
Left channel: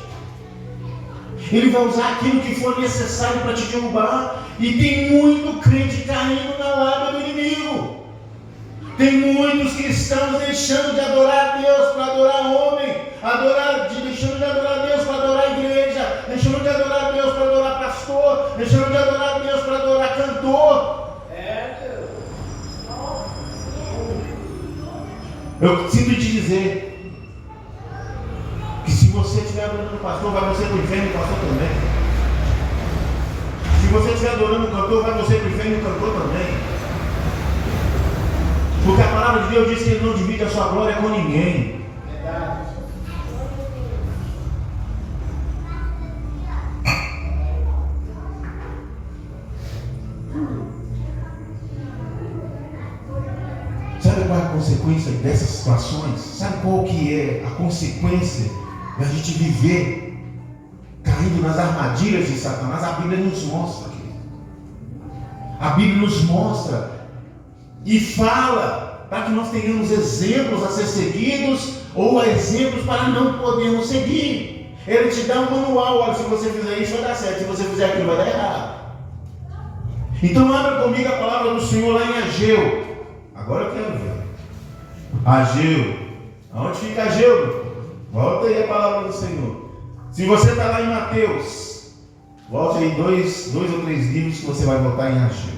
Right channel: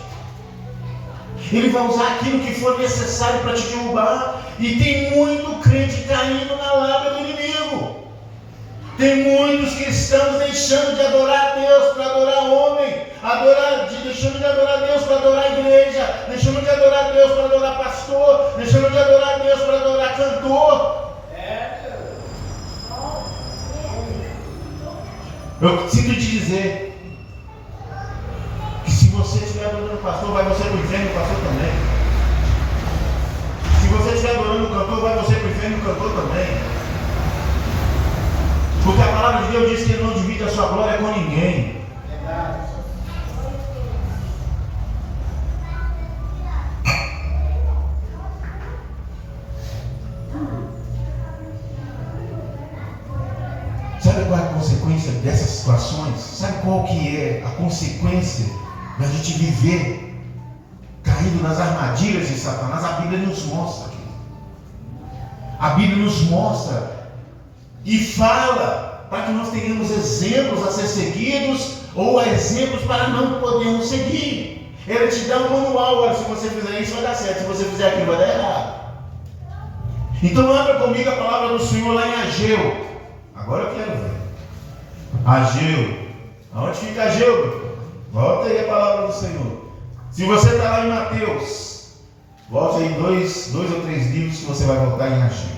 Ele vai usar aquilo que for necessário para te derrubar. E tem muito crente caindo na lábia do inimigo. Tem muitos cristãos deixando de adorar a Deus para adorar homem, deixando de adorar a Deus para adorar a igreja, deixando de adorar a Deus para adorar pastor, deixando de adorar a Deus para adorar cantor. Eu sinto te dizer que se você estiver adorando o pastor, vai você para o inferno e o pastor também. Se você estiver adorando o cantor, vai você para o inferno e o cantor também. Porque a palavra de Deus diz que ele não divide a sua glória com ninguém. qual é a consequência dessas situações? Sabe qual que é a consequência da gente viver caindo nas armadilhas de Satanás? A Bíblia nos mostra. A Bíblia nos mostra e fala para que nós tenhamos exemplos a ser seguidos ou exemplos para não podermos seguir. Ele te dá um manual: olha, se você fizer isso vai dar certo, se você fizer aquilo vai dar errado. Então abra comigo a palavra do Senhor lá em Ageu. Agora eu quero ver. Ageu. Onde fica Ageu? Volta aí a palavra do Senhor. Se você está lá em Mateus, volte aí dois ou três livros que você vai voltar em Ageu.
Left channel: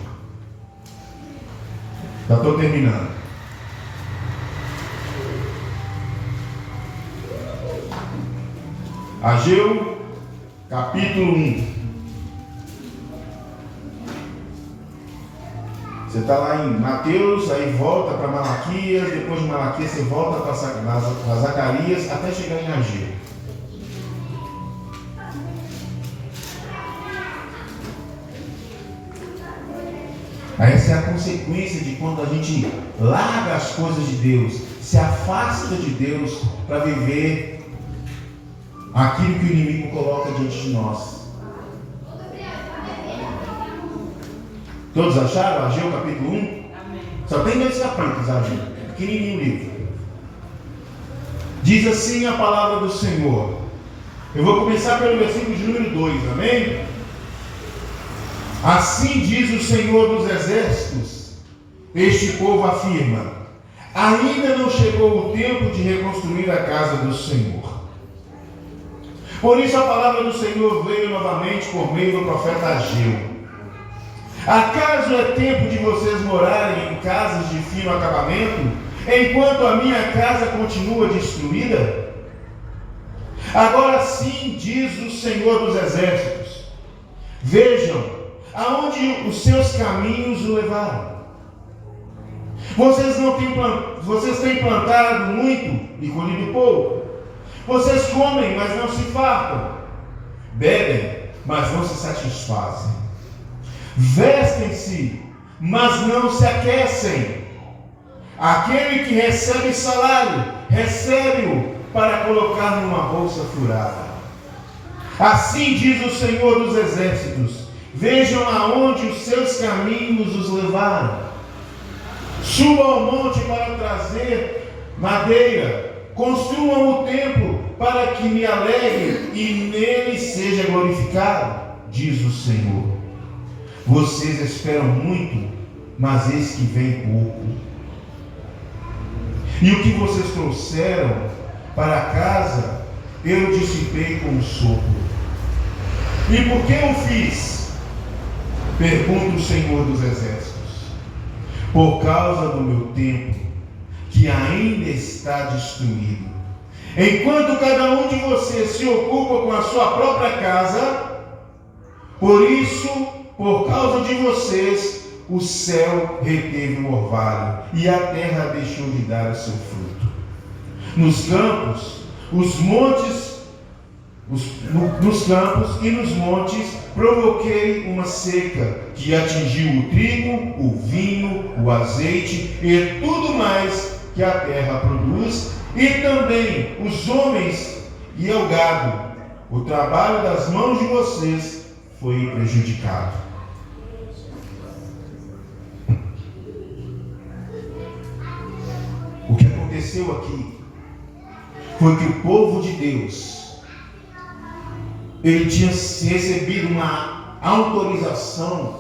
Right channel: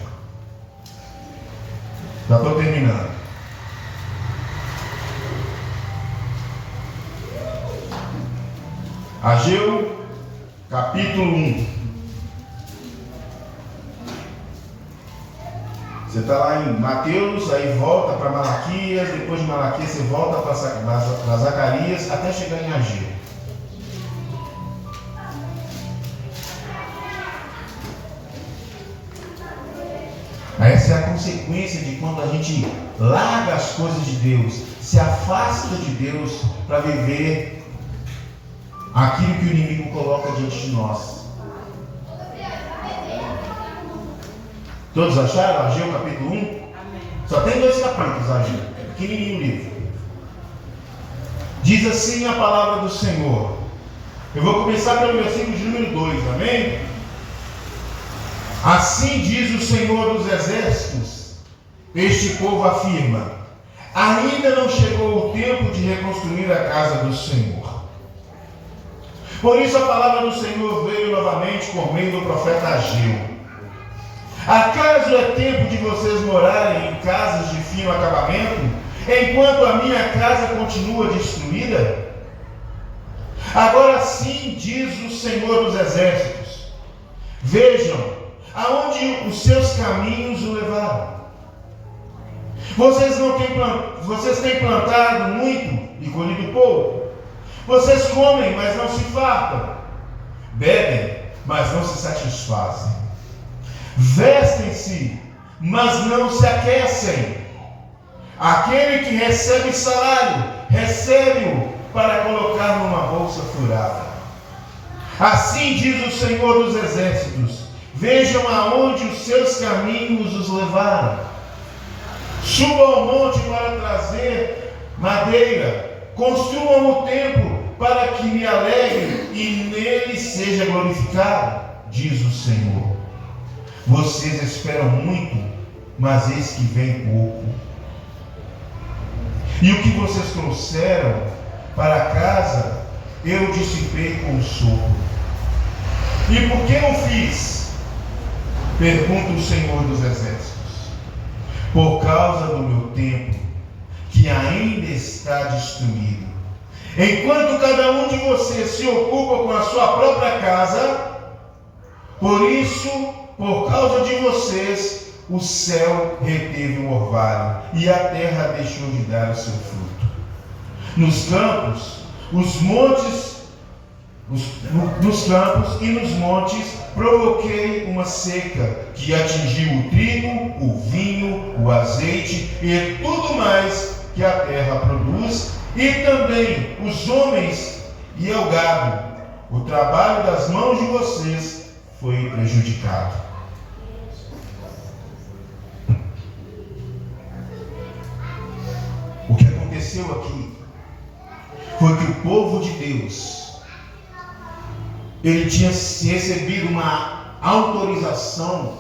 Já estou terminando. Ageu, capítulo 1. Você está lá em Mateus, aí volta para Malaquias, depois de Malaquias você volta para Zacarias, até chegar em Ageu. Essa é a consequência de quando a gente larga as coisas de Deus, se afasta de Deus para viver aquilo que o inimigo coloca diante de nós. Todos acharam Ageu capítulo 1? Amém. Só tem 2 capítulos, Ageu. É pequenininho o livro. Diz assim a palavra do Senhor. Eu vou começar pelo versículo de número 2, amém? Assim diz o Senhor dos Exércitos: este povo afirma, ainda não chegou o tempo de reconstruir a casa do Senhor. Por isso a palavra do Senhor veio novamente por meio do profeta Ageu. Acaso é tempo de vocês morarem em casas de fino acabamento, enquanto a minha casa continua destruída? Agora sim diz o Senhor dos Exércitos: vejam aonde os seus caminhos o levaram. Vocês têm plantado muito e colhido pouco. Vocês comem, mas não se fartam. Bebem, mas não se satisfazem. Vestem-se, mas não se aquecem. Aquele que recebe salário, recebe-o para colocar numa bolsa furada. Assim diz o Senhor dos Exércitos: vejam aonde os seus caminhos os levaram. Subam ao monte para trazer madeira. Construam o templo para que me alegre e nele seja glorificado, diz o Senhor. Vocês esperam muito, mas eis que vem pouco. E o que vocês trouxeram para casa, eu dissipei com o sopro. E por que eu fiz? Pergunta o Senhor dos Exércitos. Por causa do meu templo, que ainda está destruído. Enquanto cada um de vocês se ocupa com a sua própria casa, por isso, por causa de vocês, o céu reteve o orvalho e a terra deixou de dar o seu fruto. Nos campos, nos campos e nos montes provoquei uma seca que atingiu o trigo, o vinho, o azeite e tudo mais que a terra produz, e também os homens e o gado. O trabalho das mãos de vocês foi prejudicado. O que aconteceu aqui foi que o povo de Deus, ele tinha recebido uma autorização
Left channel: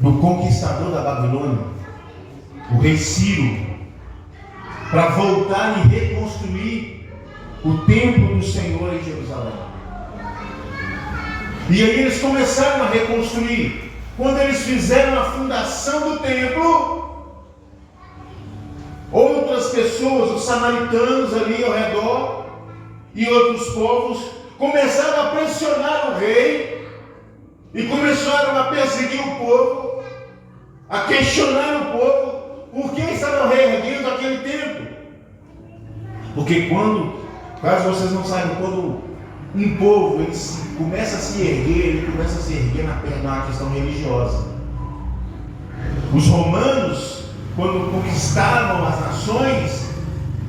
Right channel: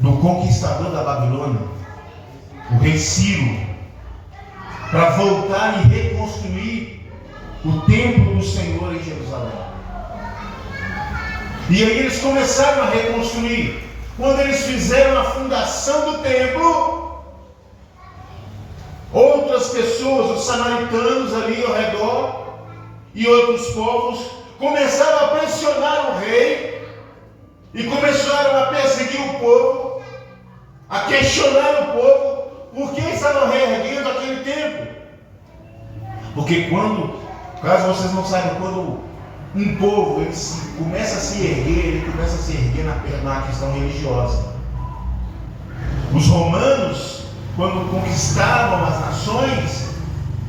do conquistador da Babilônia, o rei Ciro, para voltar e reconstruir o templo do Senhor em Jerusalém. E aí eles começaram a reconstruir. Quando eles fizeram a fundação do templo, outras pessoas, os samaritanos ali ao redor e outros povos, começaram a pressionar o rei e começaram a perseguir o povo, a questionar o povo por que estavam reerguendo aquele templo. Porque caso vocês não saibam, quando um povo começa a se erguer, ele começa a se erguer na questão religiosa. Os romanos, quando conquistavam as nações,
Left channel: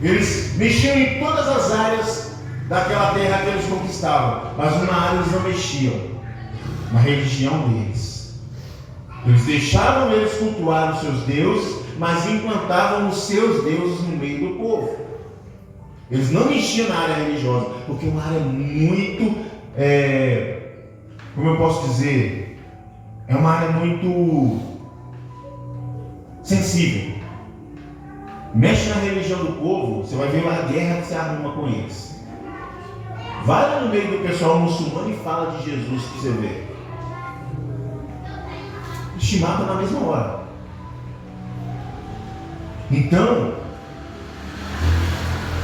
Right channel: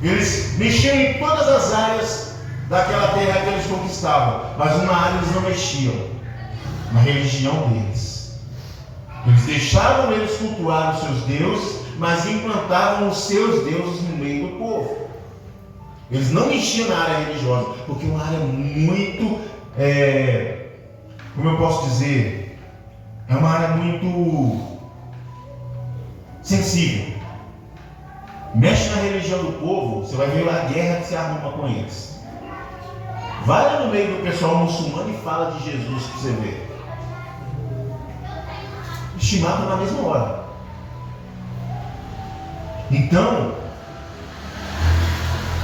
eles mexiam em todas as áreas daquela terra que eles conquistavam, mas uma área eles não mexiam, na religião deles. Eles deixavam eles cultuar os seus deuses, mas implantavam os seus deuses no meio do povo. Eles não mexiam na área religiosa, porque é uma área muito, como eu posso dizer, é uma área muito sensível. Mexe na religião do povo, você vai ver lá a guerra que se arruma com eles. Vai lá no meio do pessoal muçulmano e fala de Jesus para você ver. Eles te matam na mesma hora. Então,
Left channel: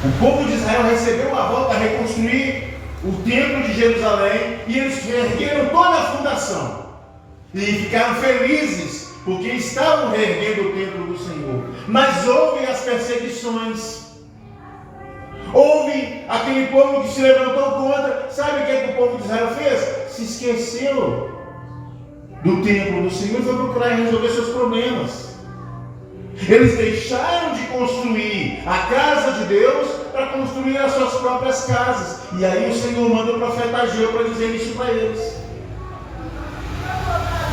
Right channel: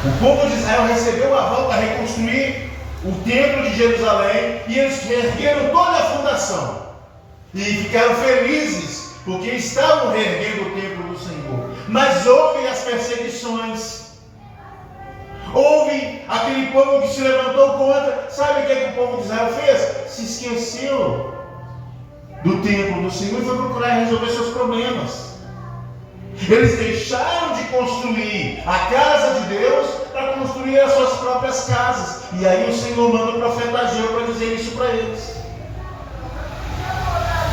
o povo de Israel recebeu a volta a reconstruir o templo de Jerusalém e eles reergueram toda a fundação. E ficaram felizes, porque estavam reerguendo o templo do Senhor. Mas houve as perseguições. Houve aquele povo que se levantou contra. Sabe o que o povo de Israel fez? Se esqueceu do templo do Senhor e foi procurar resolver seus problemas. Eles deixaram de construir a casa de Deus para construir as suas próprias casas. E aí o Senhor manda o profeta Ageu para dizer isso para eles.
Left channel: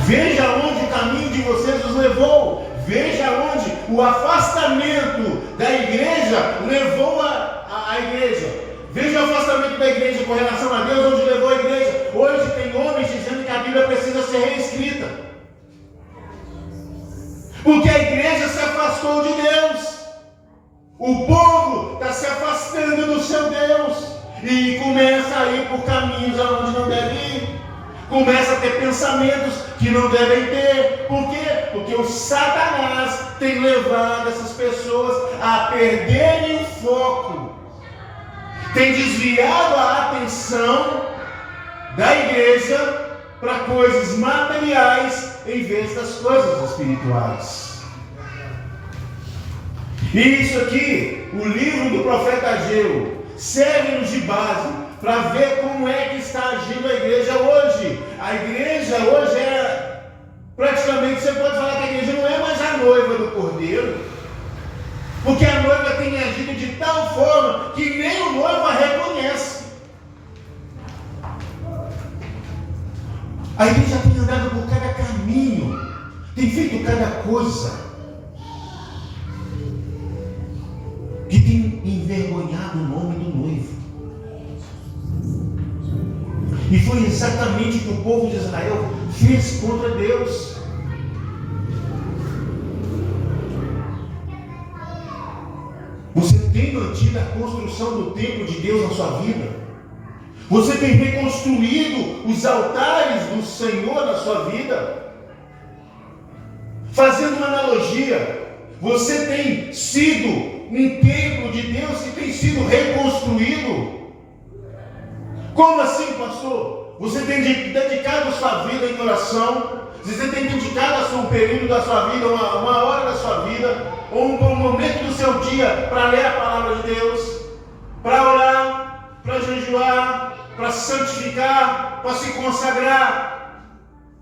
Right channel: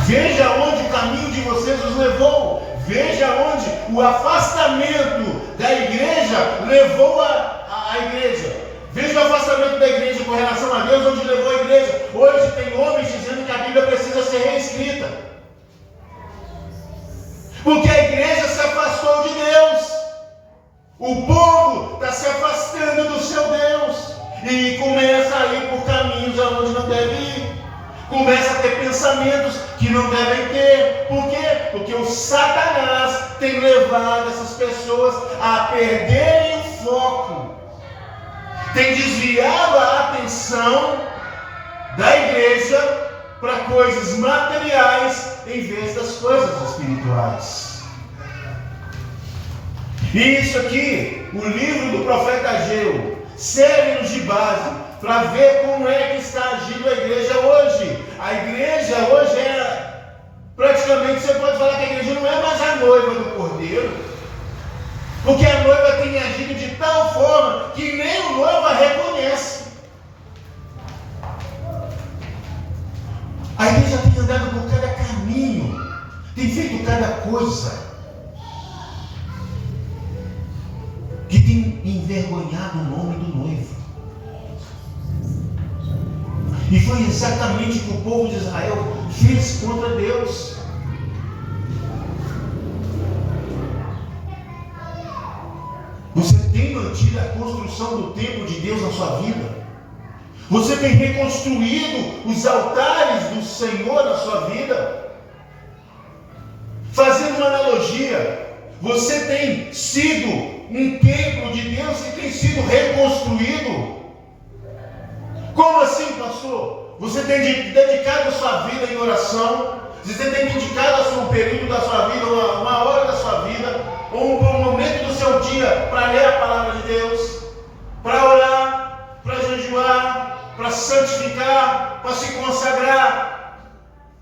Veja onde o caminho de vocês os levou. Veja onde o afastamento da igreja levou a igreja. Veja o afastamento da igreja com relação a Deus, onde levou a igreja. Hoje tem homens dizendo que a Bíblia precisa ser reescrita, porque a igreja se afastou de Deus. O povo está se afastando do seu Deus e começa a ir por caminhos aonde não deve ir. Começa a ter pensamentos que não devem ter. Por quê? Porque o Satanás tem levado essas pessoas a perderem o foco. Tem desviado a atenção da igreja para coisas materiais em vez das coisas espirituais. E isso aqui, o livro do profeta Ageu, serve-nos de base para ver como é que está agindo a igreja hoje. A igreja hoje praticamente, você pode falar que a igreja não é mais a noiva do Cordeiro, porque a noiva tem agido de tal forma que nem o noivo a reconhece. A igreja tem andado por cada caminho, tem feito cada coisa que tem envergonhado o nome do noivo. E foi exatamente o que o povo de Israel fez contra Deus. Você tem mantido a construção do templo de Deus na sua vida? Você tem reconstruído os altares do Senhor na sua vida? Fazendo uma analogia, você tem sido um templo de Deus que tem sido reconstruído? Como assim, pastor? Você tem dedicado a sua vida em oração? Você tem dedicado um período da sua vida, uma hora da sua vida, ou um momento do seu dia para ler a palavra de Deus, para orar, para jejuar, para se santificar, para se consagrar?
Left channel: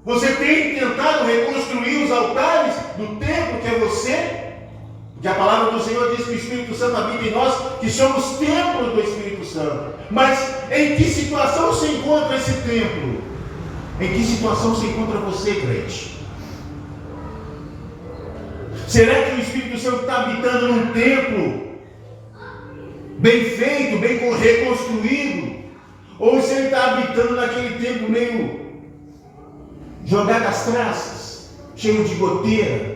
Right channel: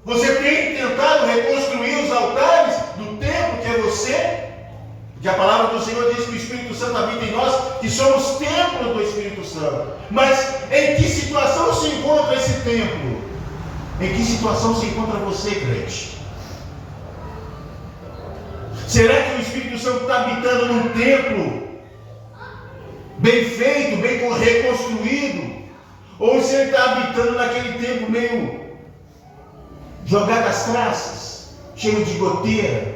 Você tem tentado reconstruir os altares do templo que é você? Que a palavra do Senhor diz que o Espírito Santo habita em nós, que somos templo do Espírito Santo. Mas em que situação se encontra esse templo? Em que situação se encontra você, crente? Será que o Espírito Santo está habitando num templo bem feito, bem reconstruído? Ou se ele está habitando naquele templo meio jogado às traças, cheio de goteira?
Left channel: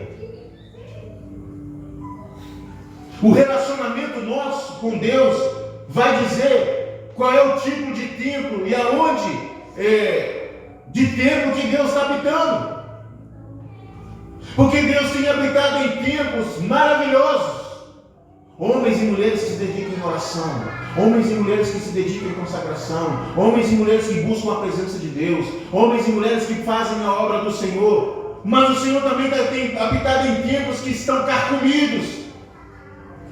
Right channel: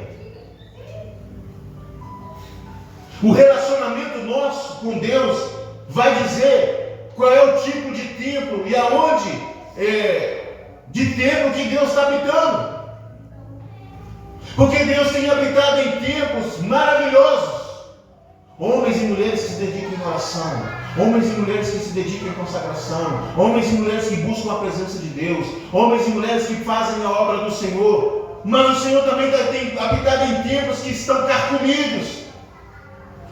O relacionamento nosso com Deus vai dizer qual é o tipo de templo e aonde de templo que Deus está habitando. Porque Deus tem habitado em templos maravilhosos. Homens e mulheres que se dedicam em oração, homens e mulheres que se dedicam em consagração, homens e mulheres que buscam a presença de Deus, homens e mulheres que fazem a obra do Senhor. Mas o Senhor também tem habitado em templos que estão carcomidos.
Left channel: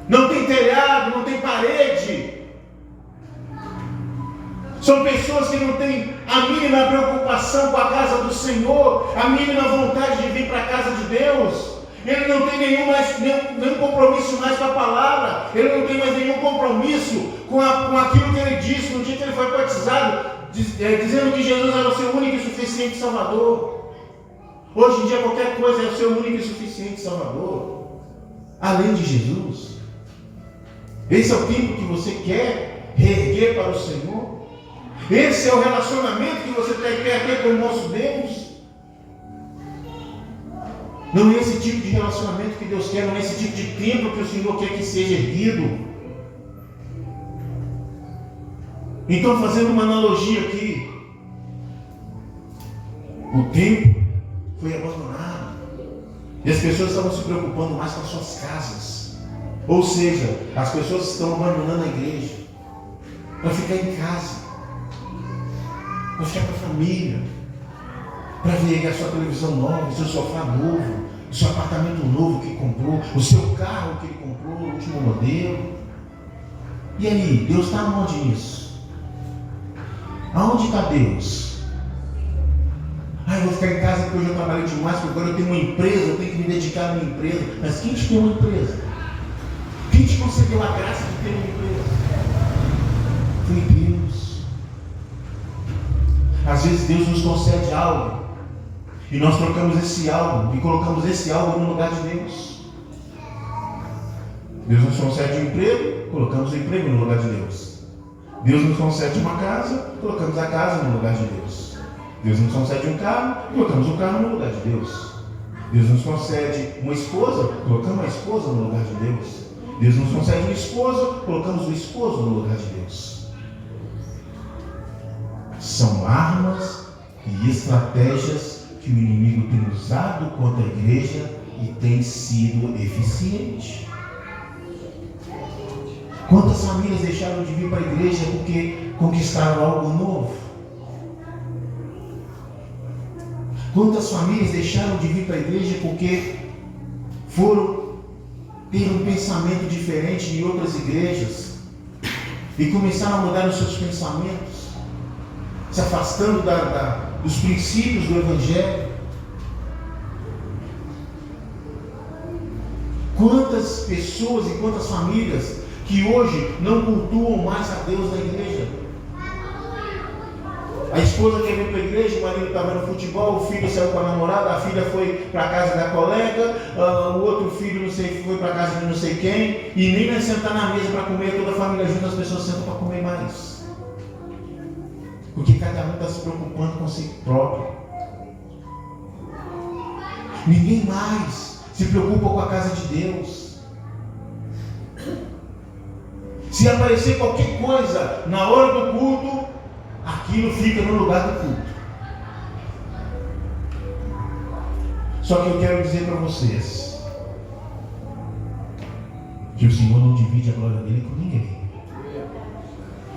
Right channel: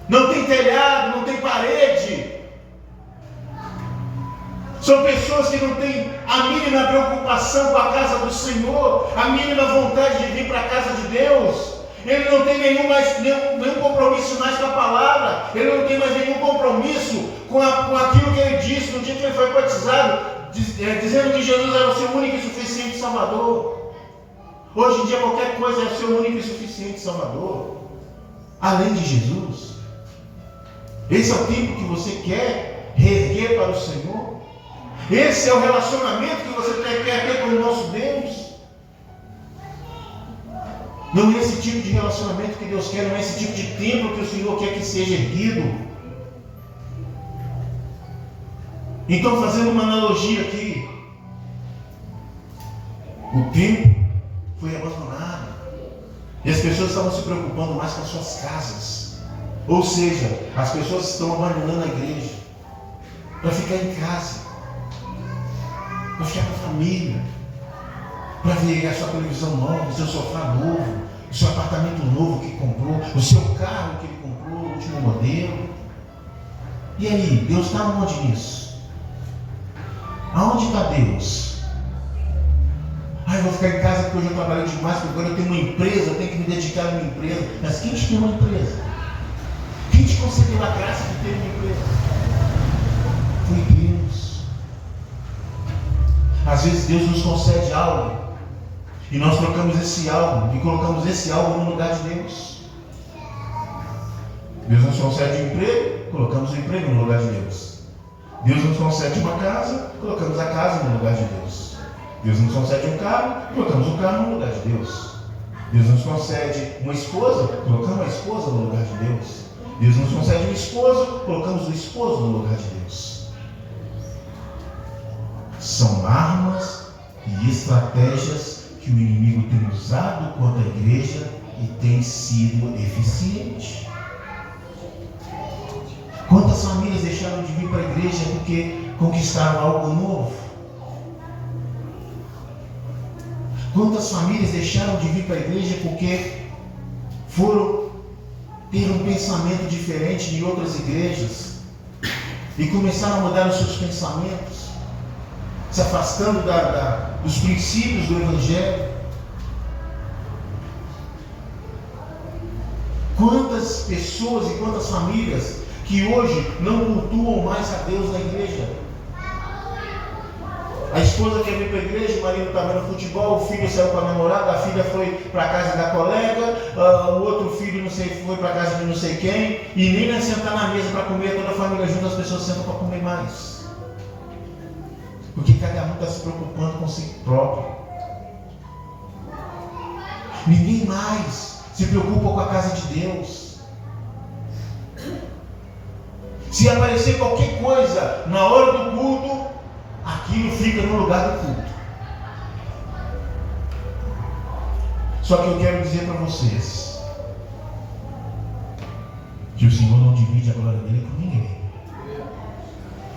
Não tem telhado, não tem parede. São pessoas que não têm a mínima preocupação com a casa do Senhor, a mínima vontade de vir para a casa de Deus. ele não tem nenhum compromisso mais com a palavra, ele não tem mais nenhum compromisso com aquilo que ele disse no dia que ele foi batizado, dizendo que Jesus era o seu único e suficiente Salvador. Hoje em dia qualquer coisa é o seu único e suficiente Salvador, além de Jesus. Esse é o tempo que você quer reerguer para o Senhor? Esse é o relacionamento que você quer ter com o nosso Deus? Não é esse tipo de relacionamento que Deus quer, não é esse tipo de templo que o Senhor quer que seja erguido. Então, fazendo uma analogia aqui, o templo foi abandonado e as pessoas estavam se preocupando mais com as suas casas. Ou seja, as pessoas estão abandonando a igreja para ficar em casa, para ficar com a família, para ver a sua televisão nova, o seu sofá novo, o seu apartamento novo que comprou, o seu carro que ele comprou, o último modelo. E aí, Deus está onde nisso? Aonde está Deus? Eu vou ficar em casa porque hoje eu trabalho demais, porque agora eu tenho uma empresa, eu tenho que me dedicar a uma empresa. Mas quem te deu uma empresa? Quem te concedeu a graça de ter uma empresa? Foi Deus. Às vezes Deus nos concede algo e nós trocamos esse algo e colocamos esse algo no lugar de Deus. Deus nos concede um emprego, colocamos o emprego no lugar de Deus. Deus nos concede uma casa, colocamos a casa no lugar de Deus. Deus nos concede um carro, colocamos o carro no lugar de Deus. Deus nos concede uma esposa, colocamos a esposa no lugar de Deus. Deus nos concede um esposo, colocamos o esposo no lugar de Deus. São armas e estratégias que o inimigo tem usado contra a igreja e tem sido eficiente. Quantas famílias deixaram de vir para a igreja porque conquistaram algo novo? Quantas famílias deixaram de vir para a igreja porque foram ter um pensamento diferente de outras igrejas e começaram a mudar os seus pensamentos, se afastando dos princípios do Evangelho? Quantas pessoas e quantas famílias que hoje não cultuam mais a Deus na igreja? A esposa quer vir para a igreja, o marido está vendo futebol, o filho saiu com a namorada, a filha foi para a casa da colega, o outro filho não sei, foi para a casa de não sei quem, e nem vai sentar na mesa para comer, toda a família junto, as pessoas sentam para comer mais. Porque cada um está se preocupando com si próprio. Ninguém mais se preocupa com a casa de Deus. Se aparecer qualquer coisa na hora do culto, aquilo fica no lugar do culto. Só que eu quero dizer para vocês que o Senhor não divide a glória dele com ninguém.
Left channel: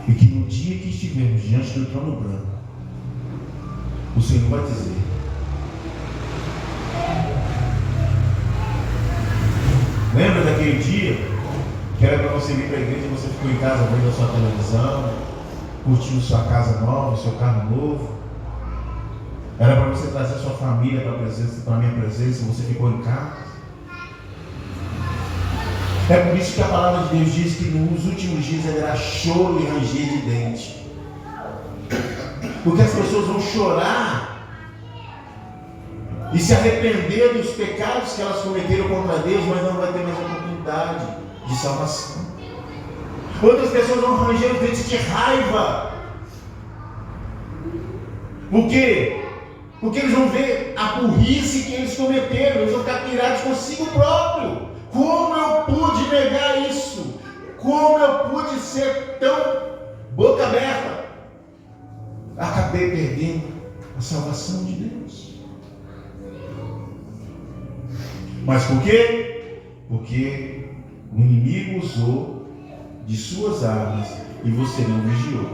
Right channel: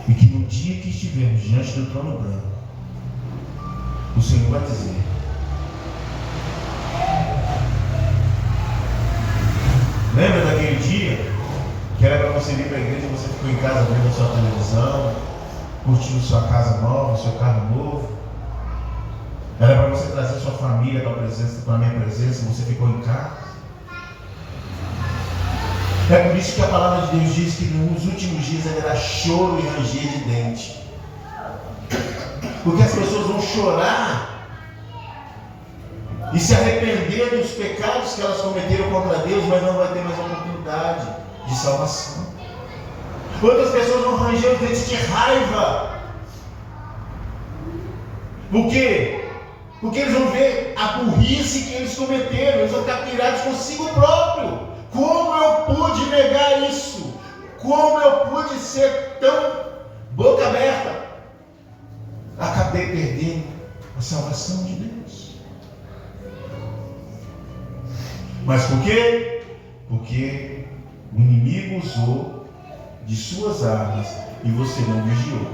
E que no dia que estivermos diante do trono branco, o Senhor vai dizer: lembra daquele dia que era para você vir para a igreja e você ficou em casa vendo a sua televisão, curtindo sua casa nova, seu carro novo? Era para você trazer sua família para a minha presença, você ficou em casa? É por isso que a palavra de Deus diz que nos últimos dias haverá choro e ranger de dente. Porque as pessoas vão chorar e se arrepender dos pecados que elas cometeram contra Deus, mas não vai ter mais oportunidade de salvação. Outras pessoas vão ranger os dentes de raiva. Por quê? Porque eles vão ver a burrice que eles cometeram, eles vão ficar pirados consigo próprio. Como eu pude negar isso? Como eu pude ser tão boca aberta? Acabei perdendo a salvação de Deus. Mas por quê? Porque o inimigo usou de suas armas e você não vigiou.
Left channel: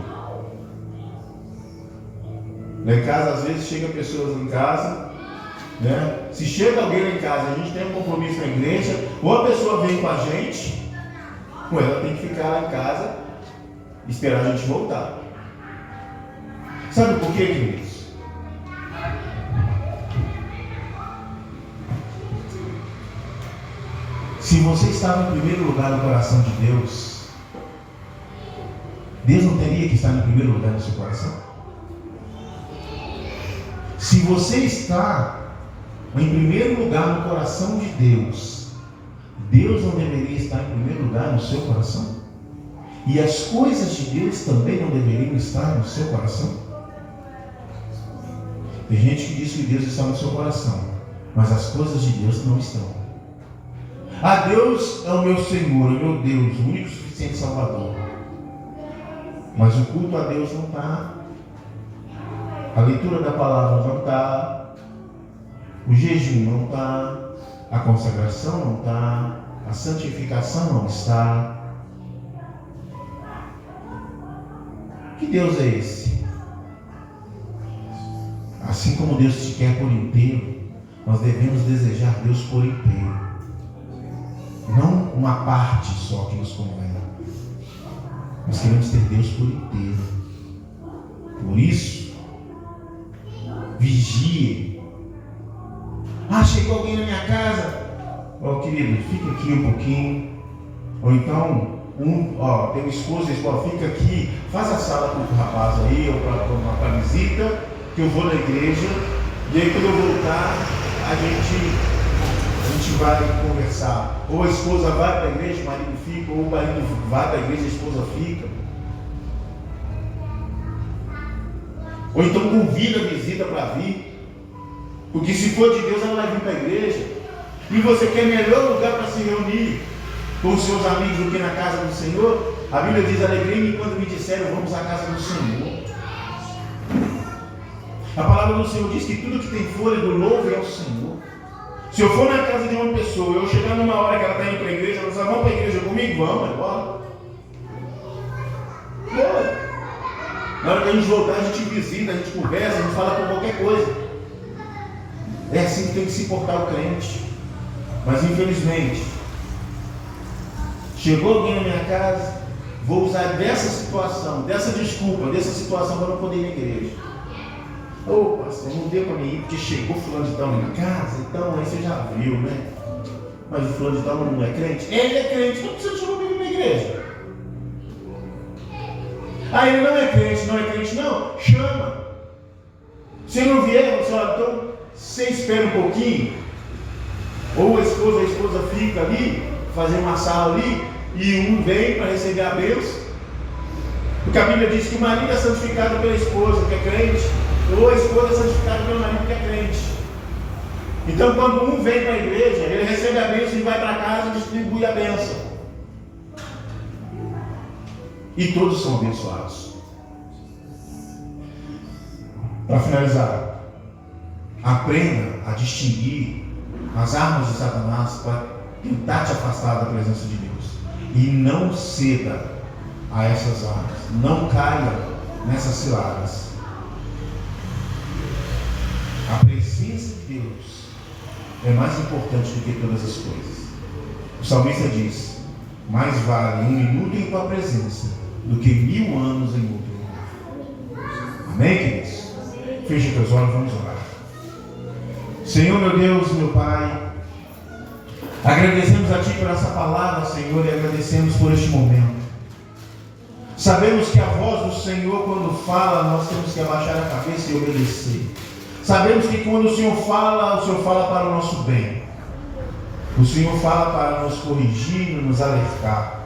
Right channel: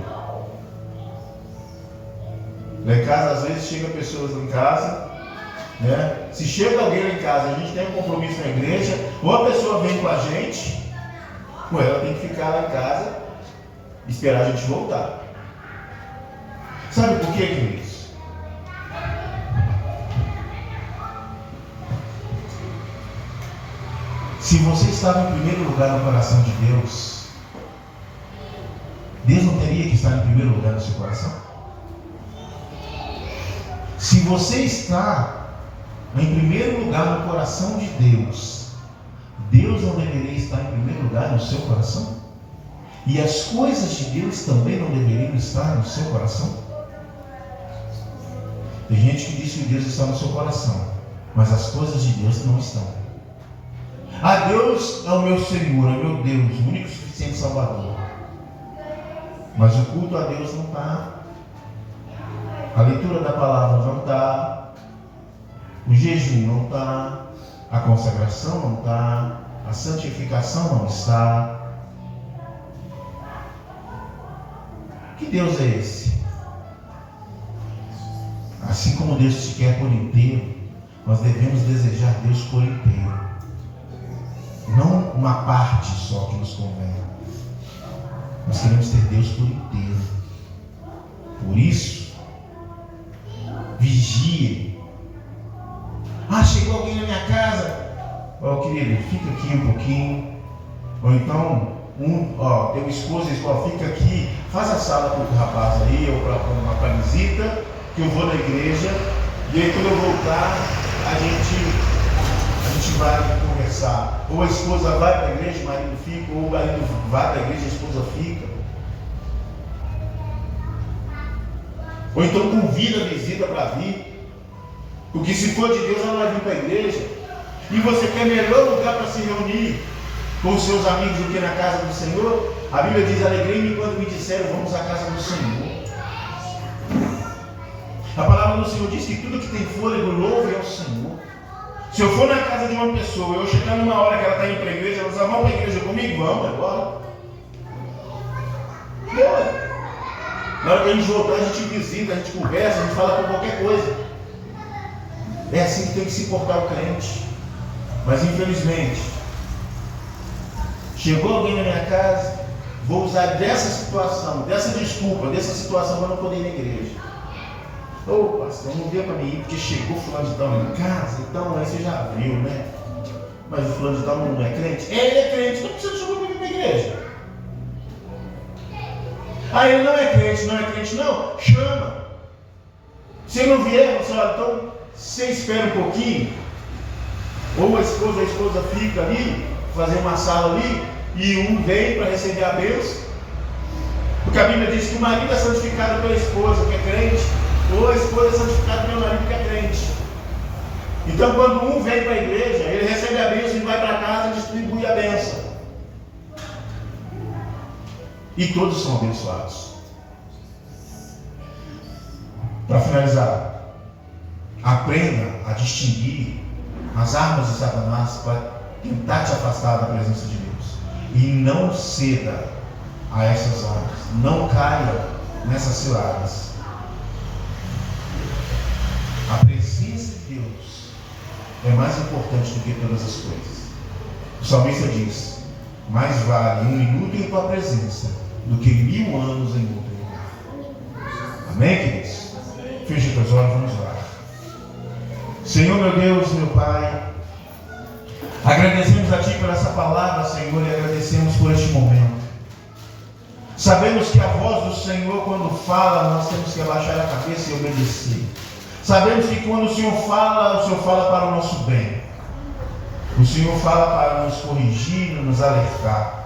Lá em casa, às vezes, chega pessoas em casa, né? Se chega alguém lá em casa, a gente tem um compromisso na igreja, ou a pessoa vem com a gente, ou ela tem que ficar lá em casa e esperar a gente voltar. Sabe por quê, queridos? Se você estava em primeiro lugar no coração de Deus, Deus não teria que estar em primeiro lugar no seu coração? Se você está em primeiro lugar no coração de Deus, Deus não deveria estar em primeiro lugar no seu coração? E as coisas de Deus também não deveriam estar no seu coração? Tem gente que diz que Deus está no seu coração, mas as coisas de Deus não estão. Ah, Deus é o meu Senhor, é o meu Deus, o único e suficiente Salvador. Mas o culto a Deus não está. A leitura da palavra não está. O jejum não está. A consagração não está. A santificação não está. Que Deus é esse? Assim como Deus te quer por inteiro, nós devemos desejar Deus por inteiro. Não uma parte só que nos convém. Nós queremos ter Deus por inteiro. Por isso, vigie. Ah, chegou alguém na minha casa. Ó, querido, fica aqui um pouquinho. Ou então, teu esposo diz, fica aqui, faz a sala para o rapaz aí, ou para a visita, que eu vou na igreja. E aí quando eu voltar, a gente vai conversar. Ou a esposa vai para a igreja, o marido fica, ou o marido vai para a igreja, a esposa fica. Ou então convida a visita para vir. Porque se for de Deus, ela vai vir para a igreja. E você quer melhor lugar para se reunir com os seus amigos do que na casa do Senhor? A Bíblia diz, alegrei-me quando me disseram, vamos à casa do Senhor. A palavra do Senhor diz que tudo que tem fôlego, louve ao Senhor. Se eu for na casa de uma pessoa, eu chegar numa hora que ela está indo para a igreja, ela diz, vamos para a igreja comigo? Vamos, agora. Na hora que a gente voltar, a gente visita, a gente conversa, a gente fala com qualquer coisa. É assim que tem que se portar o crente. Mas infelizmente, chegou alguém na minha casa, vou usar dessa situação, dessa desculpa, dessa situação para não poder ir na igreja. Ô, pastor, não deu para mim ir porque chegou fulano de tal na minha casa, então aí você já viu, né? Mas o fulano de tal não é crente? Ele é crente, não precisa chamar para vir na igreja. Ah, ele não é crente, não, chama. Se não vier, você olha, então você espera um pouquinho, ou a esposa fica ali, fazer uma sala ali, e um vem para receber a bênção. Porque a Bíblia diz que o marido é santificado pela esposa, que é crente, ou a esposa é santificada pelo marido, que é crente. Então, quando um vem para a igreja, ele recebe a bênção e vai para casa e distribui a bênção. E todos são abençoados. Para finalizar, aprenda a distinguir as armas de Satanás para tentar te afastar da presença de Deus. E não ceda a essas armas. Não caia nessas ciladas. A presença de Deus é mais importante do que todas as coisas. O salmista diz, mais vale 1 minuto em tua presença do que 1000 anos em outro lugar. Amém, queridos? Feche teus olhos, vamos orar. Senhor, meu Deus, meu Pai, agradecemos a Ti por essa palavra, Senhor, e agradecemos por este momento. Sabemos que a voz do Senhor, quando fala, nós temos que abaixar a cabeça e obedecer. Sabemos que quando o Senhor fala para o nosso bem. O Senhor fala para nos corrigir, nos alertar.